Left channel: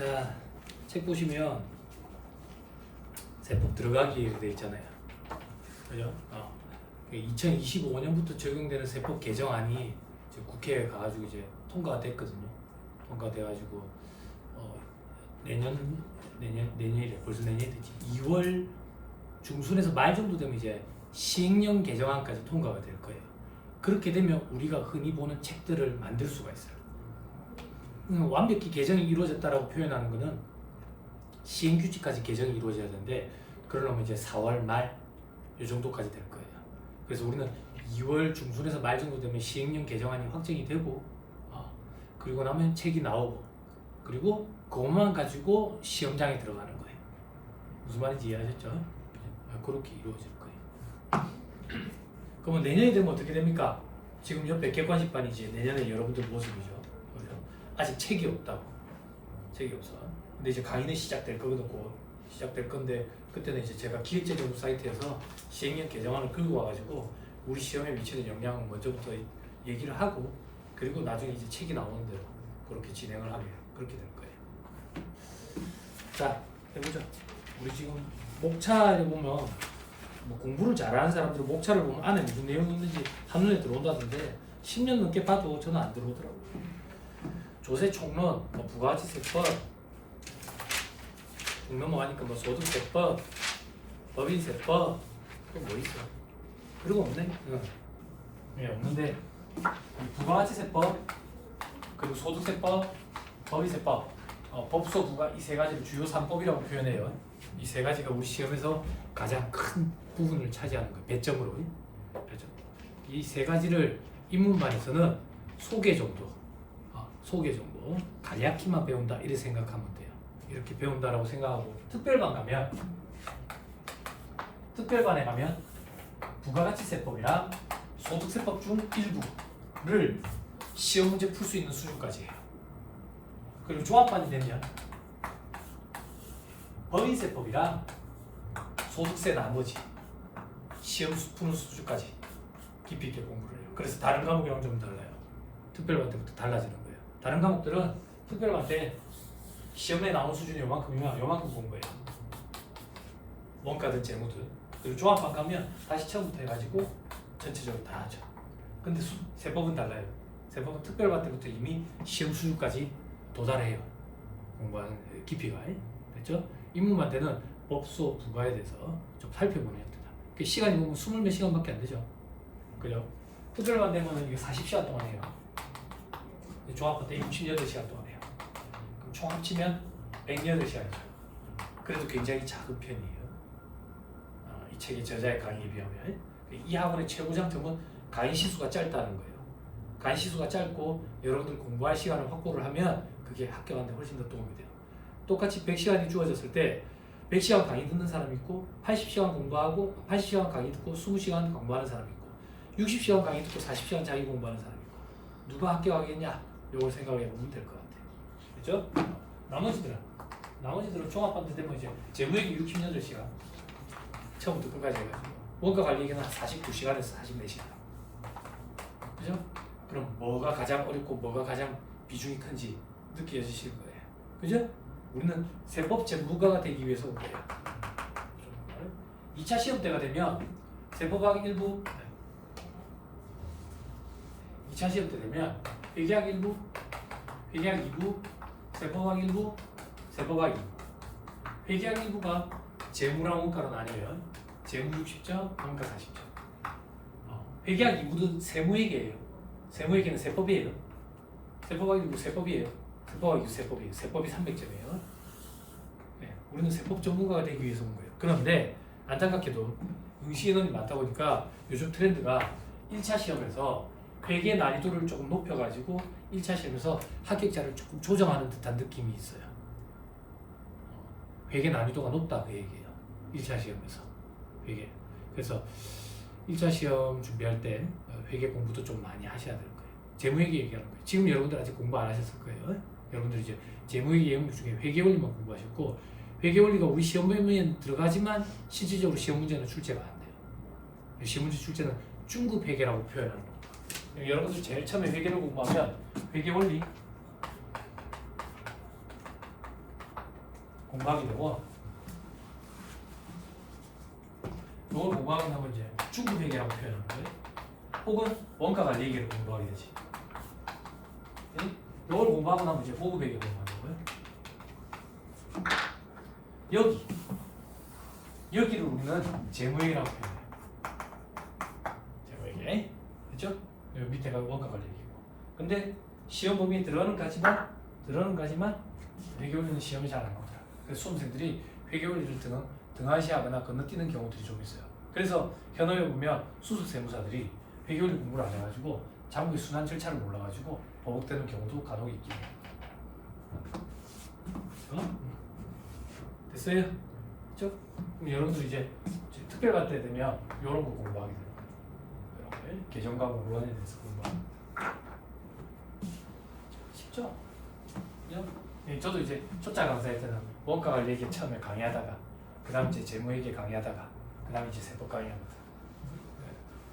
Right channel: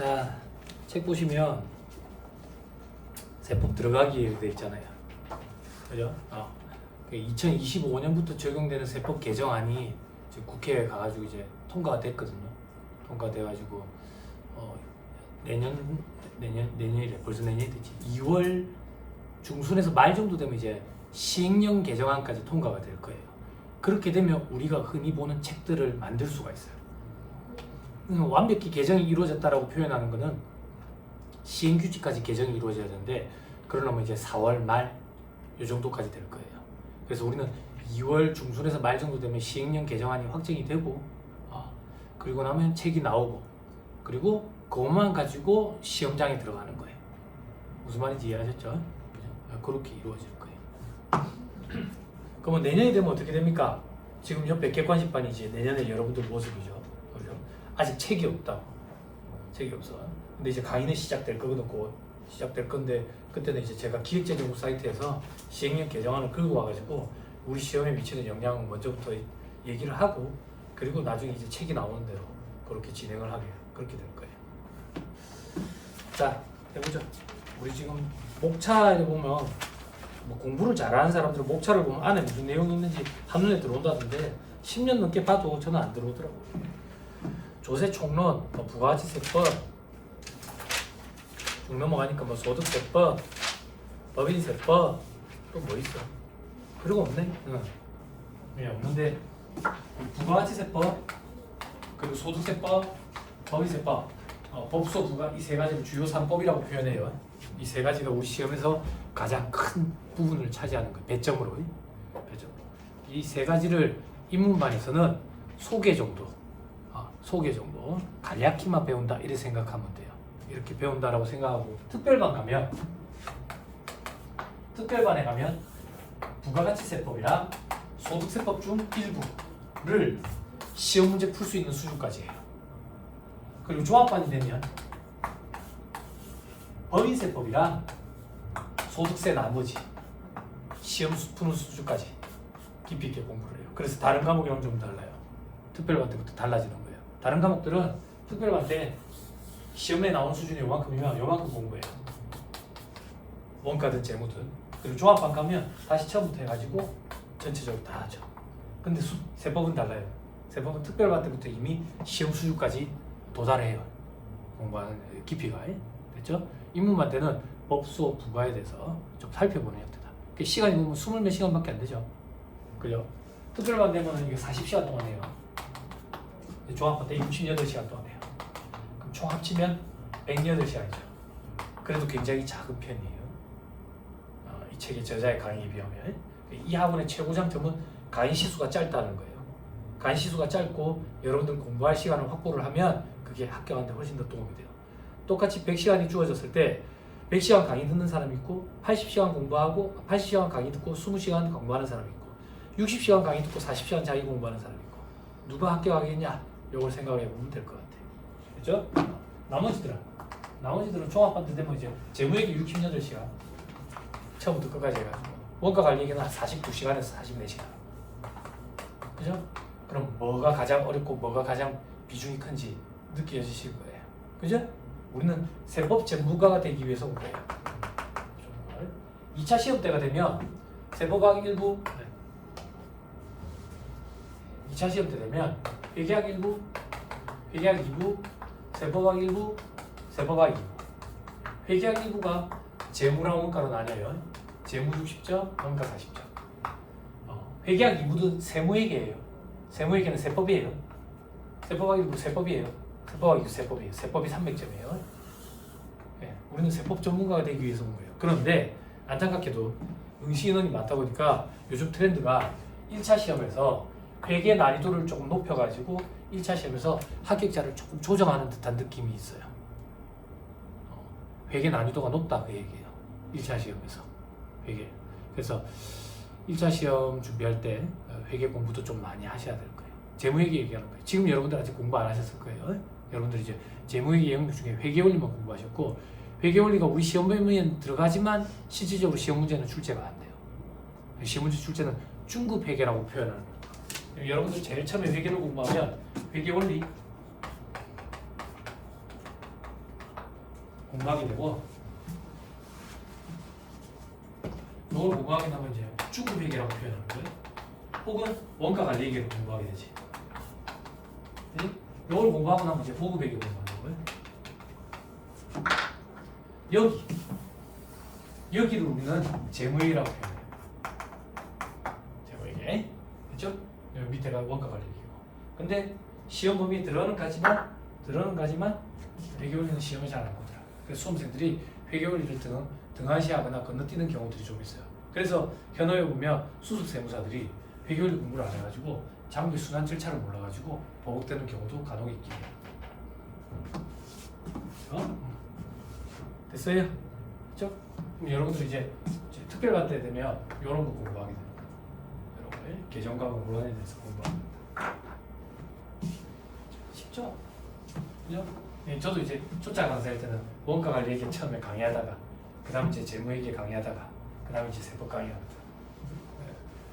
자, 책 보시면 세법 들어가기 되어 있잖아요. 그죠? 2025년부터 적용되는 세법 개정안이 이제 국회에 가가지고 이제 통과가 됐거든요. 통과돼가지고 내년이래. 벌써 내년이 됐지. 2월 중순에서 말 정도 되면 이제 시행령 개정안까지 통과가 될 거예요. 그렇게 되면 우리가 흔히 보는 책들을 만들 수가 있어요. 완벽히 개정이 이루어졌다라고 표현하는 것은 시행규칙까지 개정이 이루어져야 되는데, 그러려면 이제 4월 말 이 정도까지 될 거예요. 그래서 우리는 2월 중순에서 말 정도 되면 시행령 개정안이 확정이 되고, 그리고 나면 책이 나오고, 그리고 그것만 가지고 시험장에 들어가는 거예요. 무슨 말인지 이해하셨죠? 그렇게 이루어질 거예요. 그러면 내년이 되면 어떻게 됩니까? 지금 옆에 객관식반이 이제 내년에 여러분들 모습이죠. 그죠? 아직 책이 없다고. 책이 없어. 근데 이제 강의는 시작될 거거든. 곧 시작될 건데, 그때는 이제 제가 기획재정부 사이트에서 시행령 개정안을 긁어 와가지고 우리 시험에 미치는 영향을 먼저부터 얘기를 하고, 그리고 나중에 이제 책이 나오는 대로 그렇게 진행을 하게 그렇게 될 거예요. 자, 해보죠. 우리 지금 목차를 보면 뭐 공부를 잘하는 사람들은 목차를 보면 안에 무슨 내용이 있는지 한눈에 들어온다던데 10년 넘게 봐도 저는 안 들어오더라고요. 조세 총론, 뭐 부가가치세법, 쭉 넘어가니까 뭐 소득세법, 법인세법, 또 뭐 있어? 그리고 없네? 네, 없는데 부가가치세법, 그리고 소득세법, 법인세법, 법소, 부가 이 세 가지를 주요 3법이라고 표현해요. 이 세 가지가 우리 시험에서 가장 큰 부분을 차지하는 거예요. 배점으로. 이 세 가지를 인문반에서는 소개 정도, 간략히만 배운다 이렇게 생각하면 돼요. 이렇게 배운다라고 생각하고, 특별반에 가면 부가가치세법이랑 소득세법 중 일부를 시험 문제 풀 수 있는 수준까지 해요. 그리고 종합반이 되면 법인세법이랑 소득세 나머지 시험 푸는 수준까지 깊이 있게 공부를 해요. 그래서 다른 과목이랑 좀 달라요. 특별반 때부터 달라지는 거예요. 다른 과목들은 특별반 때 시험에 나온 수준이 요만큼이면 요만큼 공부해요. 원가든 재무든. 그리고 종합반 가면 다시 처음부터 해가지고 전체적으로 다 하죠. 근데 세법은 달라요. 세법은 특별반 때부터 이미 시험 수준까지 도달해요. 공부하는 깊이가. 됐죠? 인문반 때는 법소, 부가에 대해서 좀 살펴보는 형태다. 시간이 보면 20몇 시간밖에 안 되죠. 그죠? 특별반 되면 이게 40시간 동안 해요. 종합반 때 68시간 동안 해요. 그럼 총 합치면 108시간이죠. 그래도 굉장히 작은 편이에요. 이 책의 저자의 강의에 비하면. 이 학원의 최고 장점은 강의 시수가 짧다는 거예요. 강의 시수가 짧고 여러분들 공부할 시간을 확보를 하면 그게 합격하는 데 훨씬 더 도움이 돼요. 똑같이 100시간이 주어졌을 때 100시간 강의 듣는 사람이 있고, 80시간 공부하고 80시간 강의 듣고 20시간 공부하는 사람이 있고, 60시간 강의 듣고 40시간 자기 공부하는 사람이 있고, 누가 합격하겠냐? 이걸 생각해 보면 될 것 같아요. 그렇죠? 나머지들은 종합반 때 되면 이제 재무회계 68시간 처음부터 끝까지 해가지고, 원가 관리계는 한 49시간에서 44시간. 그죠? 그럼 뭐가 가장 어렵고 뭐가 가장 비중이 큰지 느껴지실 거예요. 그죠? 우리는 세법 전문가가 되기 위해서 온 거예요. 2차 시험 때가 되면 세법학 일부, 2차 시험 때 되면 회계학 일부, 회계학 2부, 세법학 일부, 세법학 2부. 회계학 일부가 재무랑 원가로 나뉘어요. 재무 60점, 원가 40점. 회계학 2부는 세무회계예요. 세무회계는 세법이에요. 세법학 일부 세법이에요. 세법학 2부 세법이에요. 세법이 300점이에요. 네, 우리는 세법 전문가가 되기 위해서 온 거예요. 그런데 안타깝게도 응시 인원이 많다 보니까 요즘 트렌드가 1차 시험에서 회계 난이도를 조금 높여가지고 1차 시험에서 합격자를 조금 조정하는 듯한 느낌이 있어요. 회계 난이도가 높다 그 얘기예요. 1차 시험에서 회계. 그래서 1차 시험 준비할 때 회계 공부도 좀 많이 하셔야 될 거예요. 재무회계 얘기하는 거예요. 지금 여러분들 아직 공부 안 하셨을 거예요. 여러분들 이제 재무회계 영역 중에 회계원리만 공부하셨고, 회계원리가 우리 시험 문제는 들어가지만 실질적으로 시험 문제는 출제가 안 돼요. 시험 문제 출제는 중급 회계라고 표현하는 거예요. 여러분들 제일 처음에 회계를 공부하면 회계원리 공부하게 되고 이걸 공부하게 하면 이제 주급회계라고 표현하는 거예요. 혹은 원가관리회계를 공부하게 되지. 이걸 공부하고 나면 이제 보급회계 공부하는 거예요. 여기를 우리는 재무회계라고 표현해요. 재무회계, 그렇죠? 여기 밑에가 원가관리회계고. 근데 시험 범위에 들어는 가지만 회계원리는 시험이 잘 안 나오더라. 그래서 수험생들이 회계원리를 등한시하거나 건너뛰는 경우들이 좀 있어요. 그래서 현업에 보면 수석세무사들이 회계원리 공부를 안 해가지고 장부의 순환 절차를 몰라가지고 보복되는 경우도 간혹 있긴 해요. 됐어요? 그죠? 그럼 여러분들 이제 특별반 때 되면 이런 거 공부하게 되는 거예요. 이런 거에 계정과 공론에 대해서 공부합니다. 쉽죠? 그죠? 예, 저도 이제 초짜 강사할 때는 원가관리회계 처음에 강의하다가 그 다음 이제 재무회계 강의하다가 그 다음에 이제 세법 강의하거든.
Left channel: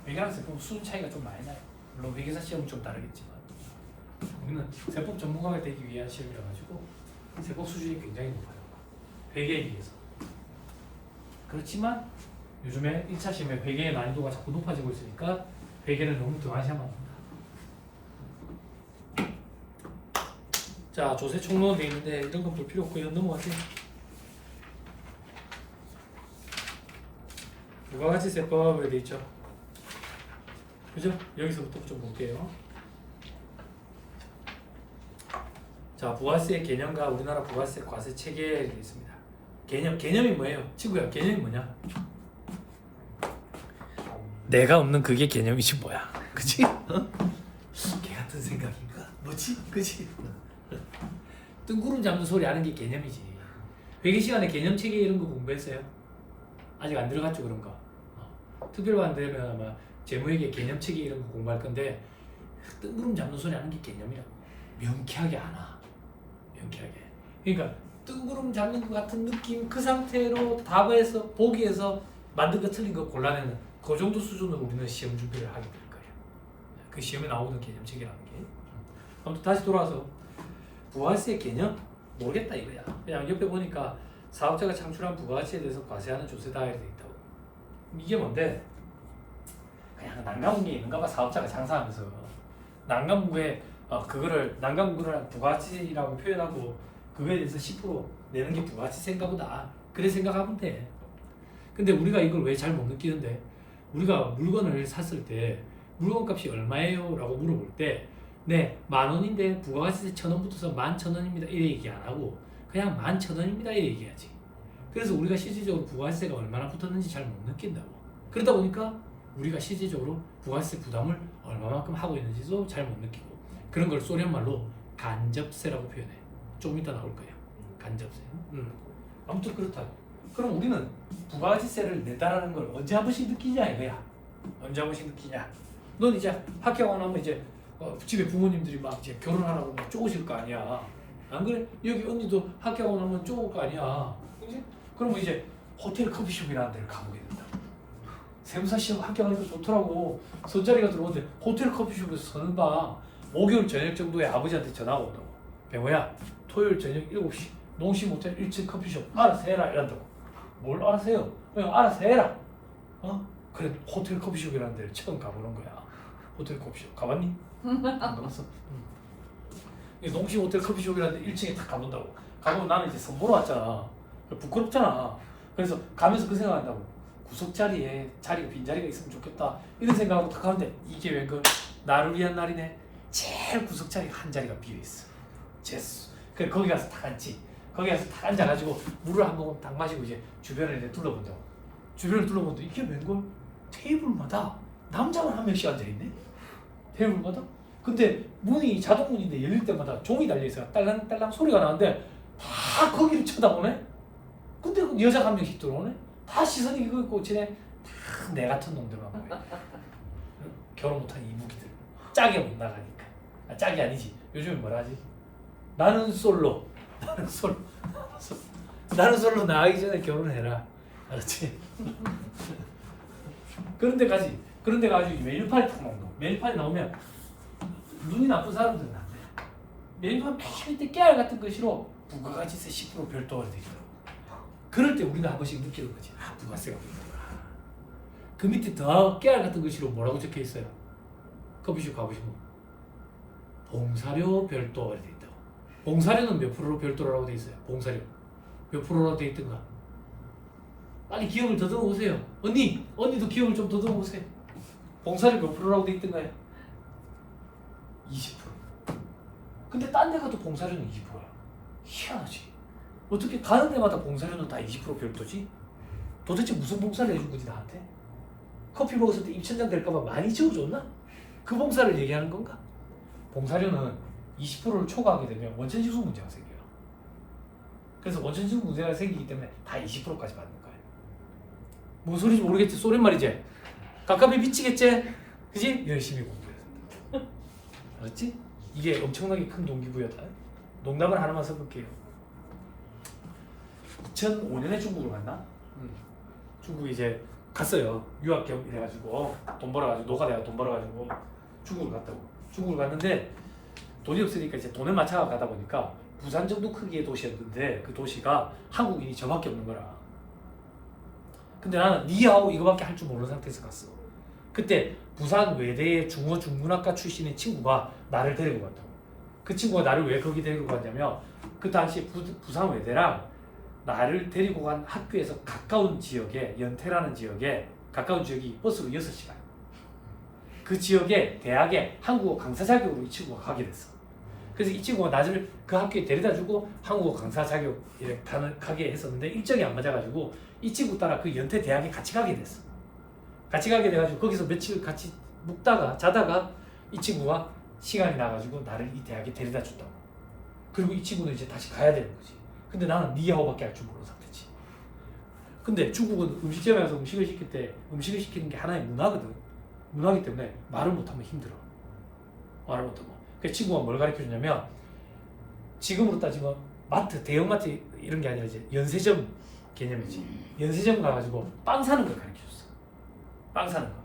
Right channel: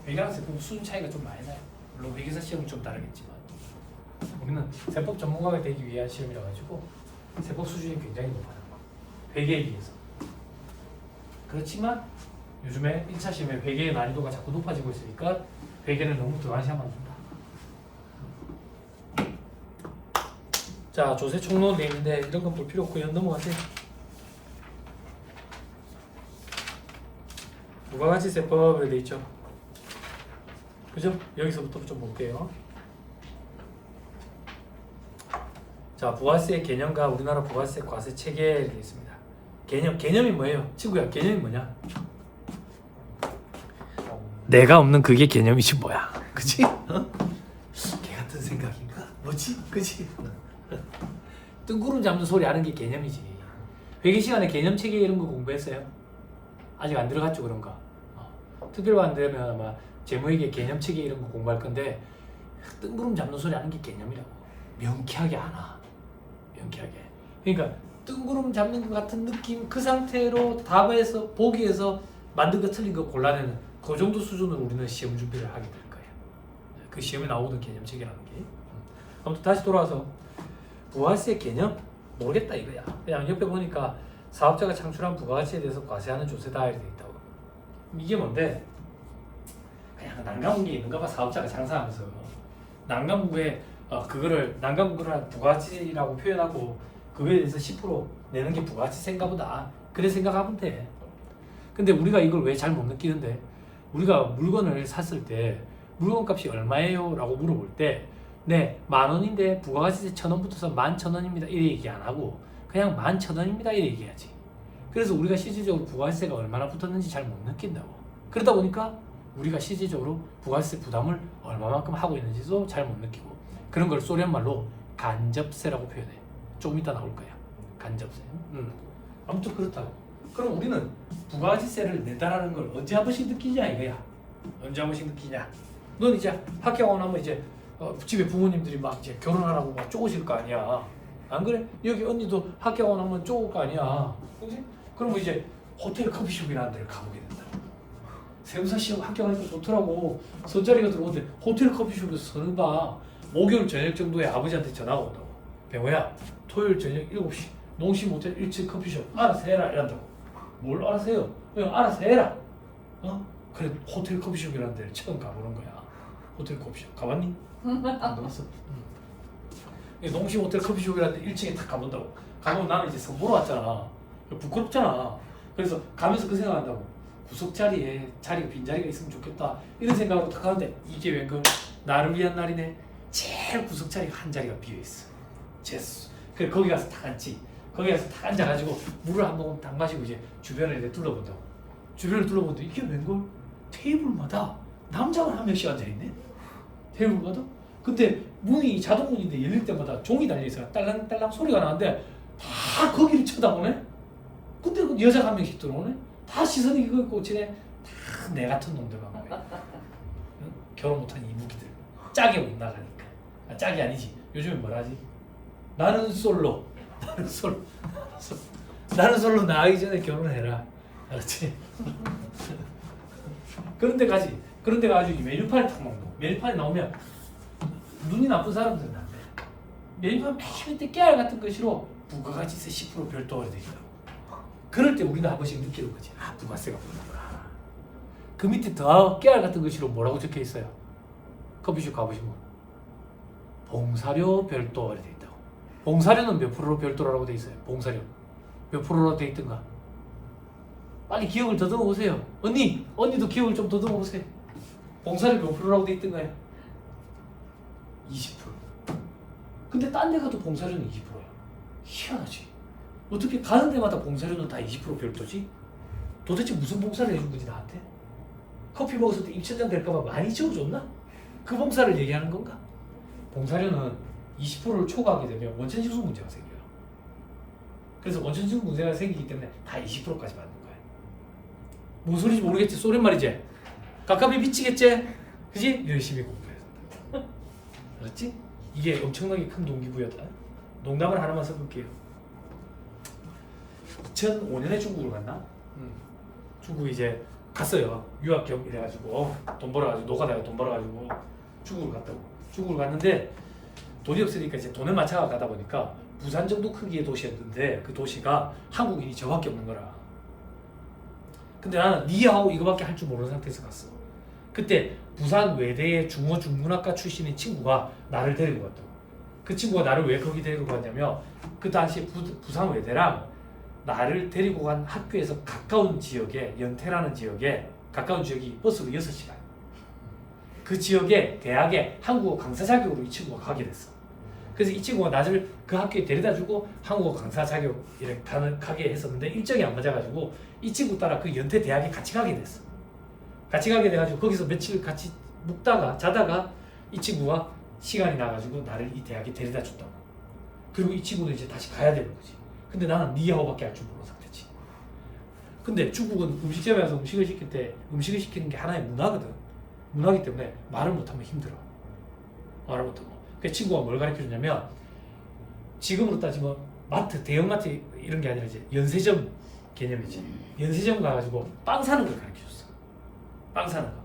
회계랑 세법 수준 차이가 좀 많이 나요. 물론 회계사 시험은 좀 다르겠지만 우리는 세법 전문가가 되기 위한 시험이라 가지고 세법 수준이 굉장히 높아요. 회계에 비해서. 그렇지만 요즘에 1차 시험에 회계의 난이도가 자꾸 높아지고 있으니까 회계는 너무 등한시하면 안 된다. 자, 조세 총론 내용인데 이런 건 볼 필요 없고요. 넘어가세요. 부가가치세법에 돼 있죠. 그죠? 여기서부터 좀 볼게요. 자, 부가세 개념과 우리나라 부가세 과세 체계에 되어 있습니다. 개념이 뭐예요? 친구야, 개념이 뭐냐? 내가 없는 그게 개념이지 뭐야. 그치? 개 같은 생각인가? 뭐지? 그치? 뜬구름 잡는 소리 하는 게 개념이지. 회계 시간에 개념 체계 이런 거 공부했어요? 아직 안 들어갔죠, 그런 거. 특별반 되면 아마 재무회계 개념 체계 이런 거 공부할 건데 뜬구름 잡는 소리 하는 게 개념이라고. 명쾌하게 안 와. 명쾌하게. 그러니까 뜬구름 잡는 것 같은 느낌, 그 상태로 답에서 보기에서 만든 거 틀린 거 골라내는 그 정도 수준으로 우리는 시험 준비를 하게 될 거예요. 그 시험에 나오는 개념 체계라는 게. 아무튼 다시 돌아와서 부가세 개념 모르겠다 이거야. 그냥 옆에 보니까 사업자가 창출한 부가가치에 대해서 과세하는 조세다 이렇게 돼 있다고. 이게 뭔데? 그냥 난감한 게 있는가 봐. 사업자가 장사하면서 난감부에 그거를 난감부를 부가가치라고 표현하고 그거에 대해서 10% 내는 게 부가가치세인가 보다. 그래 생각하면 돼. 근데 우리가 이걸 왜 잘 못 느끼는데? 우리가 물건을 샀을 때 물건값이 얼마예요? 라고 물어볼 때 네, 10,000원인데 부가가치세 1,000원 붙어서 11,000원입니다. 이래 얘기 안 하고 그냥 11,000원입니다. 이래 얘기하지. 그래서 우리가 실질적으로 부가가치세가 얼마나 붙었는지 잘 못 느낀다고. 그러다 보니까 우리가 실질적으로 부가가치세 부담을 얼마만큼 하고 있는지도 잘 못 느끼고 그런 걸 소련 말로 간접세라고 표현해. 조금 이따 나올 거예요. 간접세. 아무튼 그렇다고. 그럼 우리는 부가가치세를 내다라는 걸 언제 한 번씩 느끼냐 이거야. 언제 한 번씩 느끼냐. 넌 이제 학교 가고 나면 이제 집에 부모님들이 막 이제 결혼하라고 막 쪼으실 거 아니야. 안 그래? 여기 언니도 학교 가고 나면 쪼을 거 아니야. 그지? 그러면 이제 호텔 커피숍이라는 데를 가보게 된다고. 세무사 시험 학교 가니까 좋더라고. 손자리가 들어오는데 호텔 커피숍에서 서는 봐. 목요일 저녁 정도에 아버지한테 전화가 온다고. 배우야, 토요일 저녁 7시 농심 호텔 1층 커피숍 알아서 해라 이런다고. 뭘 알아서 해요? 그냥 알아서 해라. 그래, 호텔 커피숍이라는 데를 처음 가보는 거야. 호텔 커피숍 가봤니? 안 가봤어. 농심 호텔 커피숍이라는 데 1층에 딱 가본다고. 가보면 나는 이제 선보러 왔잖아. 부끄럽잖아. 그래서 가면서 그 생각한다고. 구석자리에 자리가 빈자리가 있으면 좋겠다 이런 생각하고 딱 가는데 이게 웬걸 나를 위한 날이네. 제일 구석자리가 한 자리가 비어있어. 제수. 그래 거기 가서 딱 앉지. 거기 가서 딱 앉아가지고 물을 한 모금 딱 마시고 이제 주변을 이제 둘러본다고. 주변을 둘러보는데 이게 웬걸 테이블마다 남자만 한 명씩 앉아있네. 테이블마다. 근데 문이 자동문인데 열릴 때마다 종이 달려있어. 딸랑딸랑 소리가 나는데 다 거기를 쳐다보네. 근데 여자가 한 명씩 들어오네. 다 시선이 그거 꽂히네. 다 내 같은 놈들만 보네. 결혼 못한 이무기들. 짝이 못 나가니까. 짝이 아니지. 요즘에 뭐라지? 나는 솔로. 나는 솔로 나가기 전에 결혼해라. 알았지? 그런데 가지고 메뉴판이 딱 나온 거. 메뉴판이 나오면 눈이 나쁜 사람들은 안 돼. 메뉴판 맨 밑에 깨알 같은 것으로 부가가치세 10% 별도로 돼 있다고. 그럴 때 우리는 한 번씩 느끼는 거지. 아, 부가세가 붙는구나. 그 밑에 더 깨알 같은 글씨로 뭐라고 적혀 있어요? 커피숍 가보시면 봉사료 별도 이렇게 돼 있다고. 봉사료는 몇 프로로 별도라고 돼 있어요? 봉사료 몇 프로로 돼 있던가? 빨리 기억을 더듬어 보세요. 언니도 기억을 좀 더듬어 보세요. 봉사료 몇 프로라고 돼 있던가요? 20%. 근데 딴 데 가도 봉사료는 20%야. 희한하지. 어떻게 가는 데마다 봉사료는 다 20% 별도지? 도대체 무슨 봉사를 해준 거지 나한테? 커피 먹었을 때 입천장 될까봐 많이 지워줬나? 그 봉사를 얘기하는 건가? 봉사료는 20%를 초과하게 되면 원천징수 문제가 생겨요. 그래서 원천징수 문제가 생기기 때문에 다 20%까지 받는 거예요. 뭔 소리인지 모르겠지? 소린말이지? 갑갑이 미치겠지? 그지? 열심히 공부해야 된다. 알았지? 이게 엄청나게 큰 동기부여다. 농담을 하나만 써볼게요. 2005년에 중국을 갔나? 중국 이제 갔어요. 유학 겸 이래가지고 돈 벌어가지고 노가다가 돈 벌어가지고 중국을 갔다고. 중국을 갔는데 돈이 없으니까 이제 돈을 맞춰가 가다 보니까 부산 정도 크기의 도시였는데 그 도시가 한국인이 저밖에 없는 거라. 근데 나는 니하오 이거밖에 할 줄 모르는 상태에서 갔어. 그때 부산 외대의 중어 중문학과 출신의 친구가 나를 데리고 갔다고. 그 친구가 나를 왜 거기 데리고 갔냐면 그 당시 부산 외대랑 나를 데리고 간 학교에서 가까운 지역에 연태라는 지역에 가까운 지역이 버스로 6시간. 그 지역에 대학에 한국어 강사 자격으로 이 친구가 가게 됐어. 그래서 이 친구가 나를 그 학교에 데려다주고 한국어 강사 자격 이렇게 가게 했었는데 일정이 안 맞아가지고 이 친구 따라 그 연태 대학에 같이 가게 됐어. 같이 가게 돼가지고 거기서 며칠 같이 묵다가 자다가 이 친구가 시간이 나가지고 나를 이 대학에 데려다 줬다고. 그리고 이 친구는 이제 다시 가야 되는 거지. 근데 나는 니하오밖에 할 줄 모르는 상태지. 근데 중국은 음식점에 가서 음식을 시킬 때 음식을 시키는 게 하나의 문화거든. 문화이기 때문에 말을 못하면 힘들어. 말을 못하고. 그 친구가 뭘 가르쳐주냐면 지금으로 따지면 마트, 대형마트 이런 게 아니라 이제 연세점 개념이지. 연세점 가가지고 빵 사는 걸 가르쳐줬어. 빵 사는 거.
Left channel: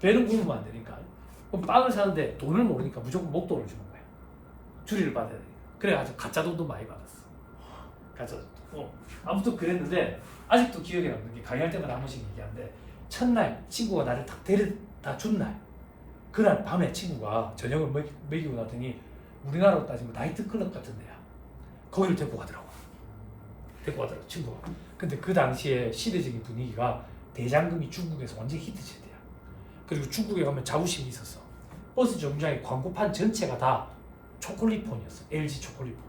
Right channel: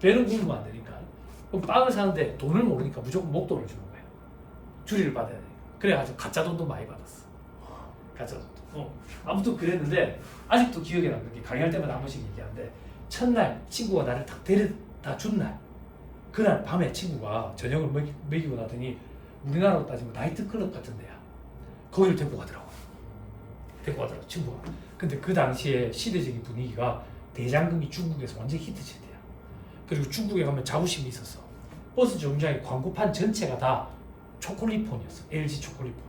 배는 굶으면 안 되니까. 그럼 빵을 사는데 돈을 모르니까 무조건 목돈을 주는 거야. 주리를 받아야 되니까. 그래가지고 가짜 돈도 많이 받았어. 가짜 돈. 아무튼 그랬는데 아직도 기억에 남는 게 강의할 때마다 한 번씩 얘기하는데 첫날 친구가 나를 딱 데려다 준 날 그날 밤에 친구가 저녁을 먹이고 나더니 우리나라로 따지면 나이트클럽 같은 데야. 거기를 데리고 가더라고. 친구가. 근데 그 당시에 시대적인 분위기가 대장금이 중국에서 완전 히트 세대야. 그리고 중국에 가면 자부심이 있었어. 버스 정류장의 광고판 전체가 다 초콜릿폰이었어. LG 초콜릿폰.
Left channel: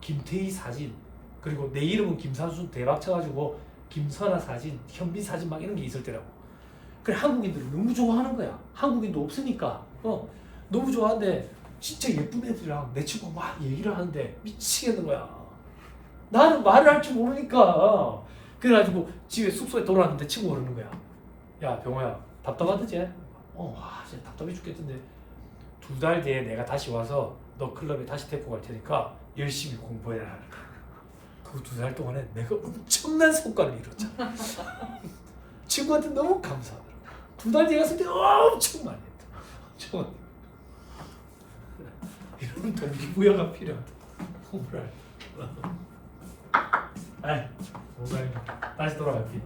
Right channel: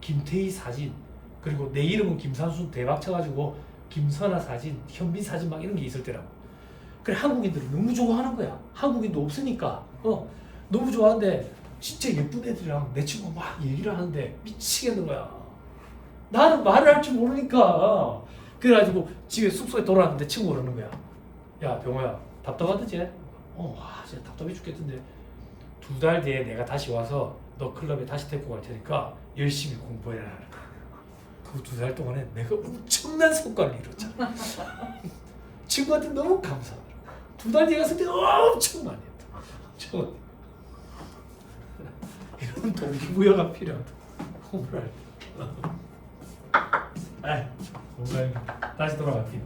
김태희 사진, 그리고 내 이름은 김산수 대박 쳐가지고 김선아 사진, 현빈 사진 막 이런 게 있을 때라고. 그래 한국인들은 너무 좋아하는 거야. 한국인도 없으니까 너무 좋아하는데 진짜 예쁜 애들이랑 내 친구 막 얘기를 하는데 미치겠는 거야. 나는 말을 할 줄 모르니까. 그래가지고 집에 숙소에 돌아왔는데 친구가 그러는 거야. 야 병호야 답답하드지? 와 진짜 답답해 죽겠던데 2달 뒤에 내가 다시 와서 너 클럽에 다시 데리고 갈 테니까 열심히 공부해라. 그 2달 동안에 내가 엄청난 성과를 이뤘잖아. 친구한테 너무 감사하더라고. 2달 뒤에 갔을 때 엄청 많이 했다. 이런 동기부여가 필요하다. 공부를 할 때. 다시 돌아갈게요.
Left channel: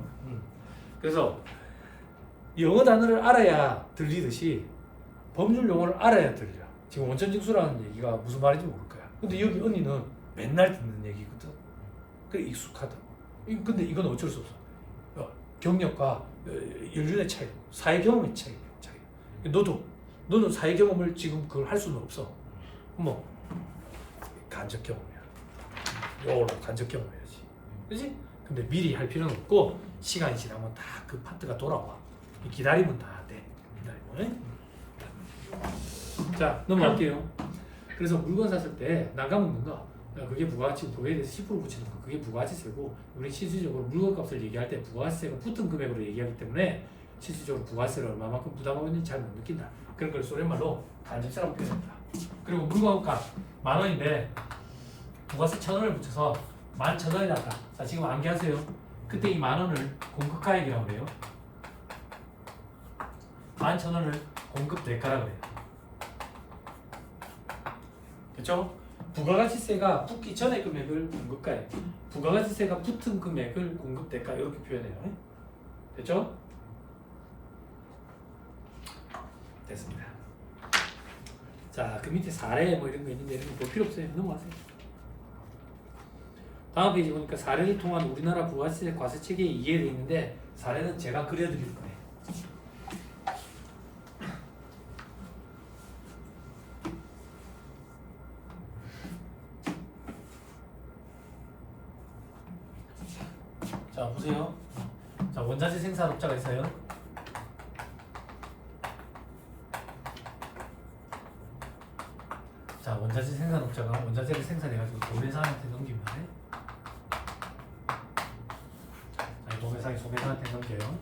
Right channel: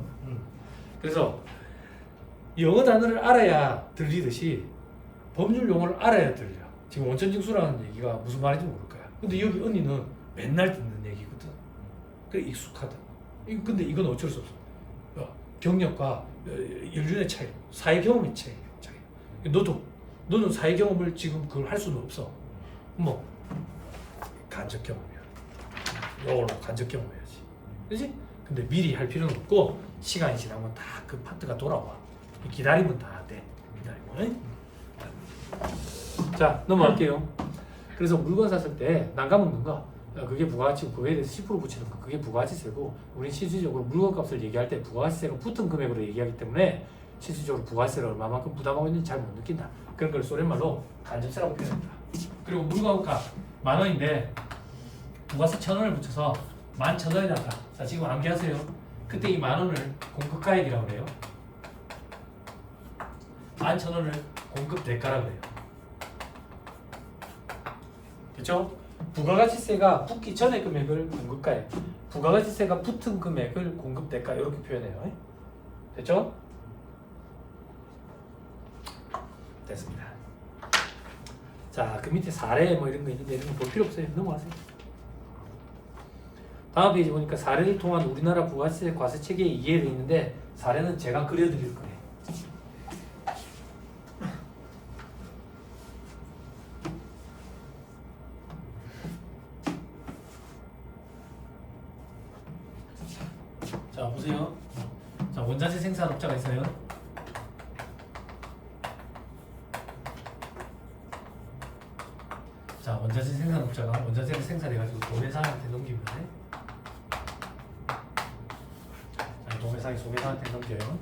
그래서 영어 단어를 알아야 들리듯이 법률 용어를 알아야 들려. 지금 원천징수라는 얘기가 무슨 말인지 모를 거야. 근데 여기 언니는 맨날 듣는 얘기거든. 그래 익숙하다. 근데 이건 어쩔 수 없어. 경력과 연륜의 차이, 사회 경험의 차이. 너는 사회 경험을 지금 그걸 할 수는 없어. 뭐 간접 경험이야. 이걸로 간접 경험해야지. 그렇지? 근데 미리 할 필요는 없고 시간이 지나면 다 그 파트가 돌아와. 기다리면 다 돼. 기다리면. 자 넘어갈게요. 그래서 물건 샀을 때 난감 없는 거 그게 부가가치고 그거에 대해서 10% 붙이는 거 그게 부가가치세고 우리 실질적으로 물건값을 얘기할 때 부가가치세가 붙은 금액으로 얘기하기 때문에 실질적으로 부가가치세를 얼마만큼 부담하고 있는지 잘 못 느낀다. 그런 걸 소련말로 간접세라고 표현합니다. 그리고 물건값 10,000원인데 부가세 1,000원을 붙여서 11,000원이 났다. 자 지금 암기하세요. 그때 이 10,000원을 공급가액이라고 그래요. 11,000원을 공급 대가라고 해요. 그렇죠? 부가가치세가 붙기 전에 금액을 공급가에, 부가가치세가 붙은 금액을 공급대가 이렇게 표현해요. 됐죠? 됐습니다. 자, 그 밑에 사례 뭐 이런 거 있는데 이런 거 볼 필요 없어요. 넘어가세요. 다음 페이지 보니까 사례를 통한 우리나라 부가세 과세 체계의 이해를 있는데 사례는 제가 그려드릴 거예요. 자, 보세요. 자, 원자재 생산업자가 있어요. 자, 원자재 생산업자가 원자재를 생산해가지고 도매상한테 넘깁니다. 자, 도매상이 소매상한테 넘겨요.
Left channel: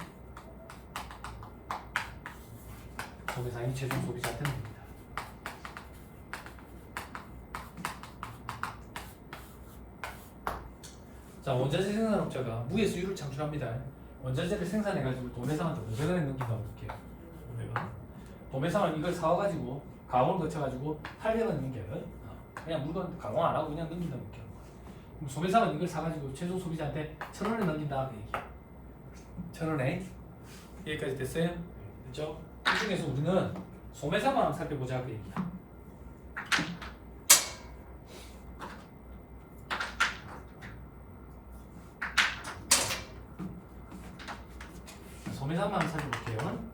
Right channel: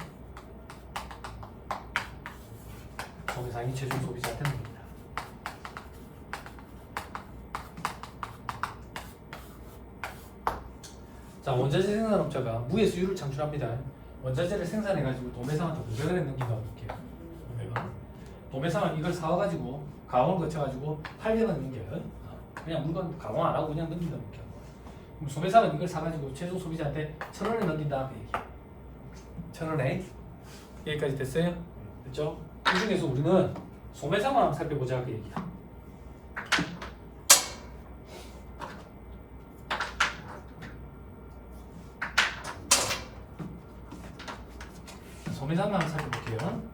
소매상이 최종 소비자한테 넘깁니다. 자, 원자재 생산업자가 무의 수율을 창출합니다. 원자재를 생산해가지고 도매상한테 500원에 넘긴다고 볼게요. 500원. 도매상은 이걸 사와가지고 가공을 거쳐가지고 800원 넘겨요. 그냥 물건 가공 안 하고 그냥 넘긴다고 볼게요. 그럼 소매상은 이걸 사가지고 최종 소비자한테 1,000원에 넘긴다고 얘기해요. 1,000원에. 여기까지 됐어요? 됐죠? 이 중에서 우리는 소매상만 한번 살펴보자 그 얘기야. 소매상만 한번 살펴볼게요.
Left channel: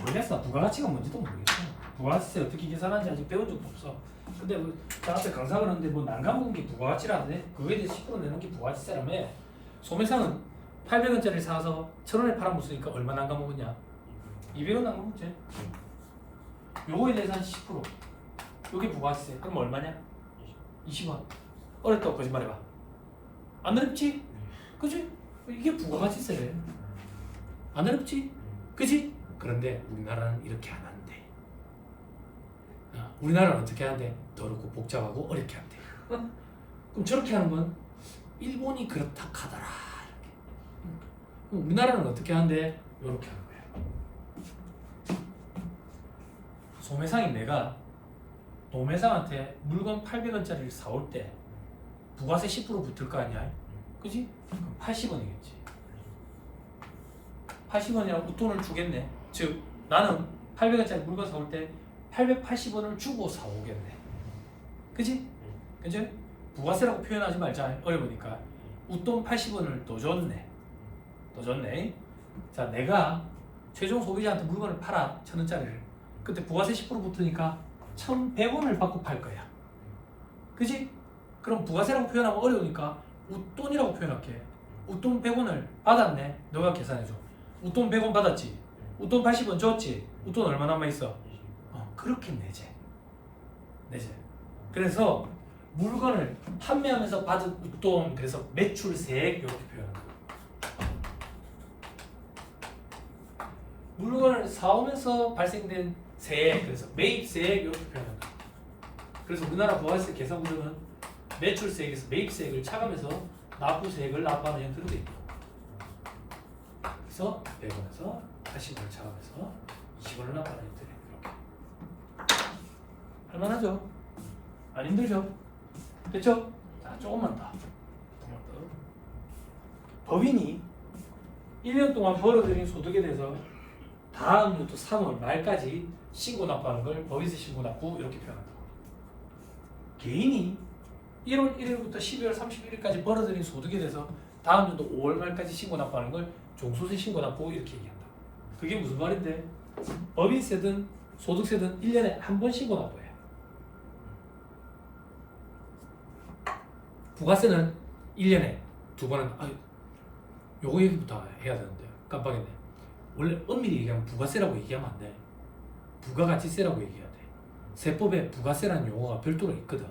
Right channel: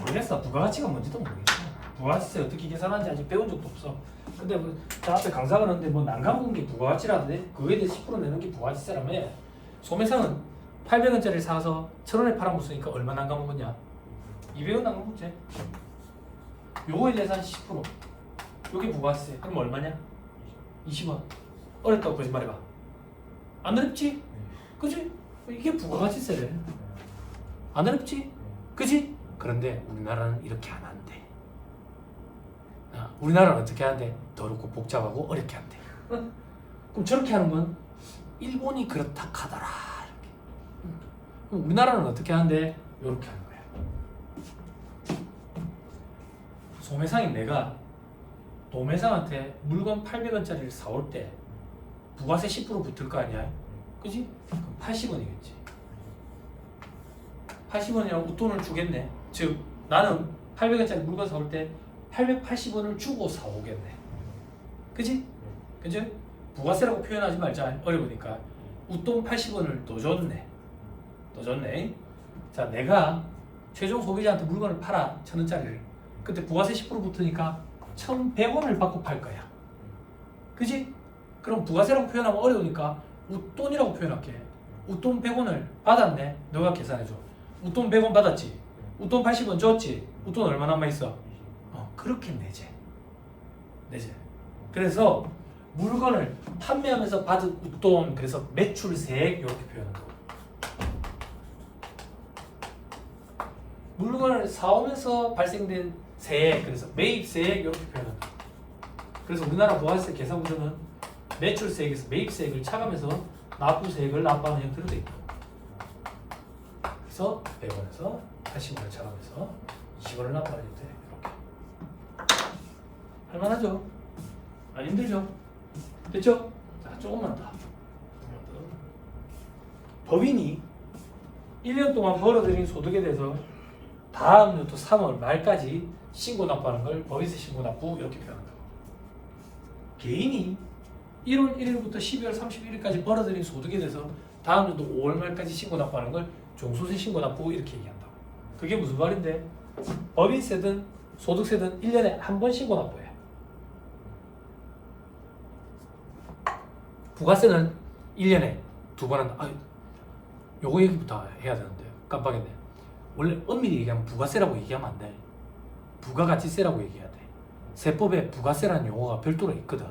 모르겠어. 부가가치가 뭔지도 모르겠어. 부가가치세 어떻게 계산하는지 아직 배운 적도 없어. 근데 뭐 저 앞에 강사가 그러는데 뭐 난감한 게 부가가치라는데 그거에 대해 10% 내는 게 부가가치세라며. 소매상은 800원짜리를 사서 1,000원에 팔아먹으니까 얼마 난감먹었냐? 200원 난감먹지. 요거에 대해서 한 10%. 요게 부가가치세. 그럼 얼마냐? 20원. 어렵다고 거짓말해봐. 안 어렵지? 그치? 이게 부가가치세래. 안 어렵지? 그치? 그런데 우리나라는 이렇게 안 한대. 우리나라는 어떻게 하는데? 더럽고 복잡하고 어렵게 한대. 그럼 저렇게 하는 건 일본이 그렇다 하더라. 이렇게. 그럼 우리나라는 어떻게 하는데? 이렇게 하는 거야. 소매상인 내가 도매상한테 물건 800원짜리를 사올 때 부가세 10% 붙을 거 아니야? 그지? 그럼 80원이겠지. 80원이라고 웃돈을 주겠네. 즉 나는 800원짜리 물건 사올 때 880원을 주고 사오겠네. 그지? 그지? 부가세라고 표현하지 말자. 어려우니까 웃돈 80원을 더 줬네. 더 줬네. 자, 내가 최종 소비자한테 물건을 팔아 1,000원짜리를. 그때 부가세 10% 붙으니까 1,100원을 받고 팔 거야. 그지? 그럼 부가세라고 표현하면 어려우니까 웃돈이라고 표현할게. 웃돈 100원을 받았네. 너가 계산해줘. 웃돈 100원 받았지. 웃돈 80원 줬지. 웃돈 얼마 남아있어? 그렇게 내재. 내재. 그래서 물건을 판매하면서 받은 웃돈, 그래서 매출세액 이렇게 표현한다. 물건을 사오면서 발생된 세액, 그래서 매입세액 이렇게 표현한다. 그래서 우리나라 부가세 계산 구조는 매출세액에서 매입세액을 차감해서 납부세액을 납부하는 형태로 되어 있고, 그래서 100원에서 80원을 차감해서 20원을 납부하는 형태. 이렇게 할만하죠? 안 힘들죠? 됐죠? 자, 조금만 더. 법인이 1년 동안 벌어들인 소득에 대해서 다음 연도 3월 말까지 신고 납부하는 걸 법인세 신고 납부 이렇게 표현한다고. 개인이 1월 1일부터 12월 31일까지 벌어들인 소득에 대해서 다음 연도 5월 말까지 신고 납부하는 걸 종소세 신고 납부 이렇게 얘기한다. 그게 무슨 말인데? 법인세든 소득세든 1년에 한 번 신고 납부해. 부가세는 1년에 2번 한다. 요거 얘기부터 해야 되는데 깜빡했네. 원래 엄밀히 얘기하면 부가세라고 얘기하면 안 돼. 부가가치세라고 얘기해야 돼. 세법에 부가세라는 용어가 별도로 있거든.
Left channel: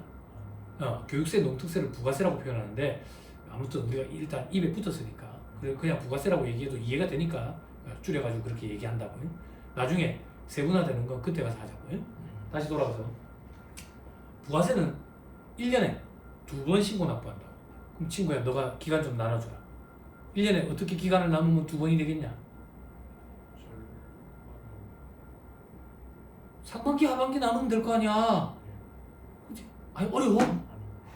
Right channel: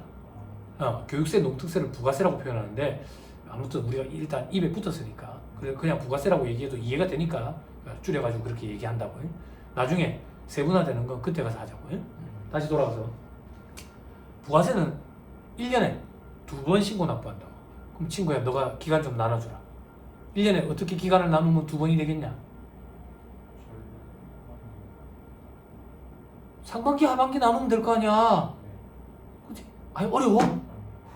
교육세, 농특세를 부가세라고 표현하는데 아무튼 우리가 일단 입에 붙었으니까 그냥 부가세라고 얘기해도 이해가 되니까 줄여가지고 그렇게 얘기한다고. 나중에 세분화되는 건 그때 가서 하자고. 다시 돌아가서 부가세는 1년에 2번 신고 납부한다고. 그럼 친구야, 너가 기간 좀 나눠주라. 1년에 어떻게 기간을 나누면 2번이 되겠냐? 상반기 하반기 나누면 될 거 아니야. 그치? 아니 어려워?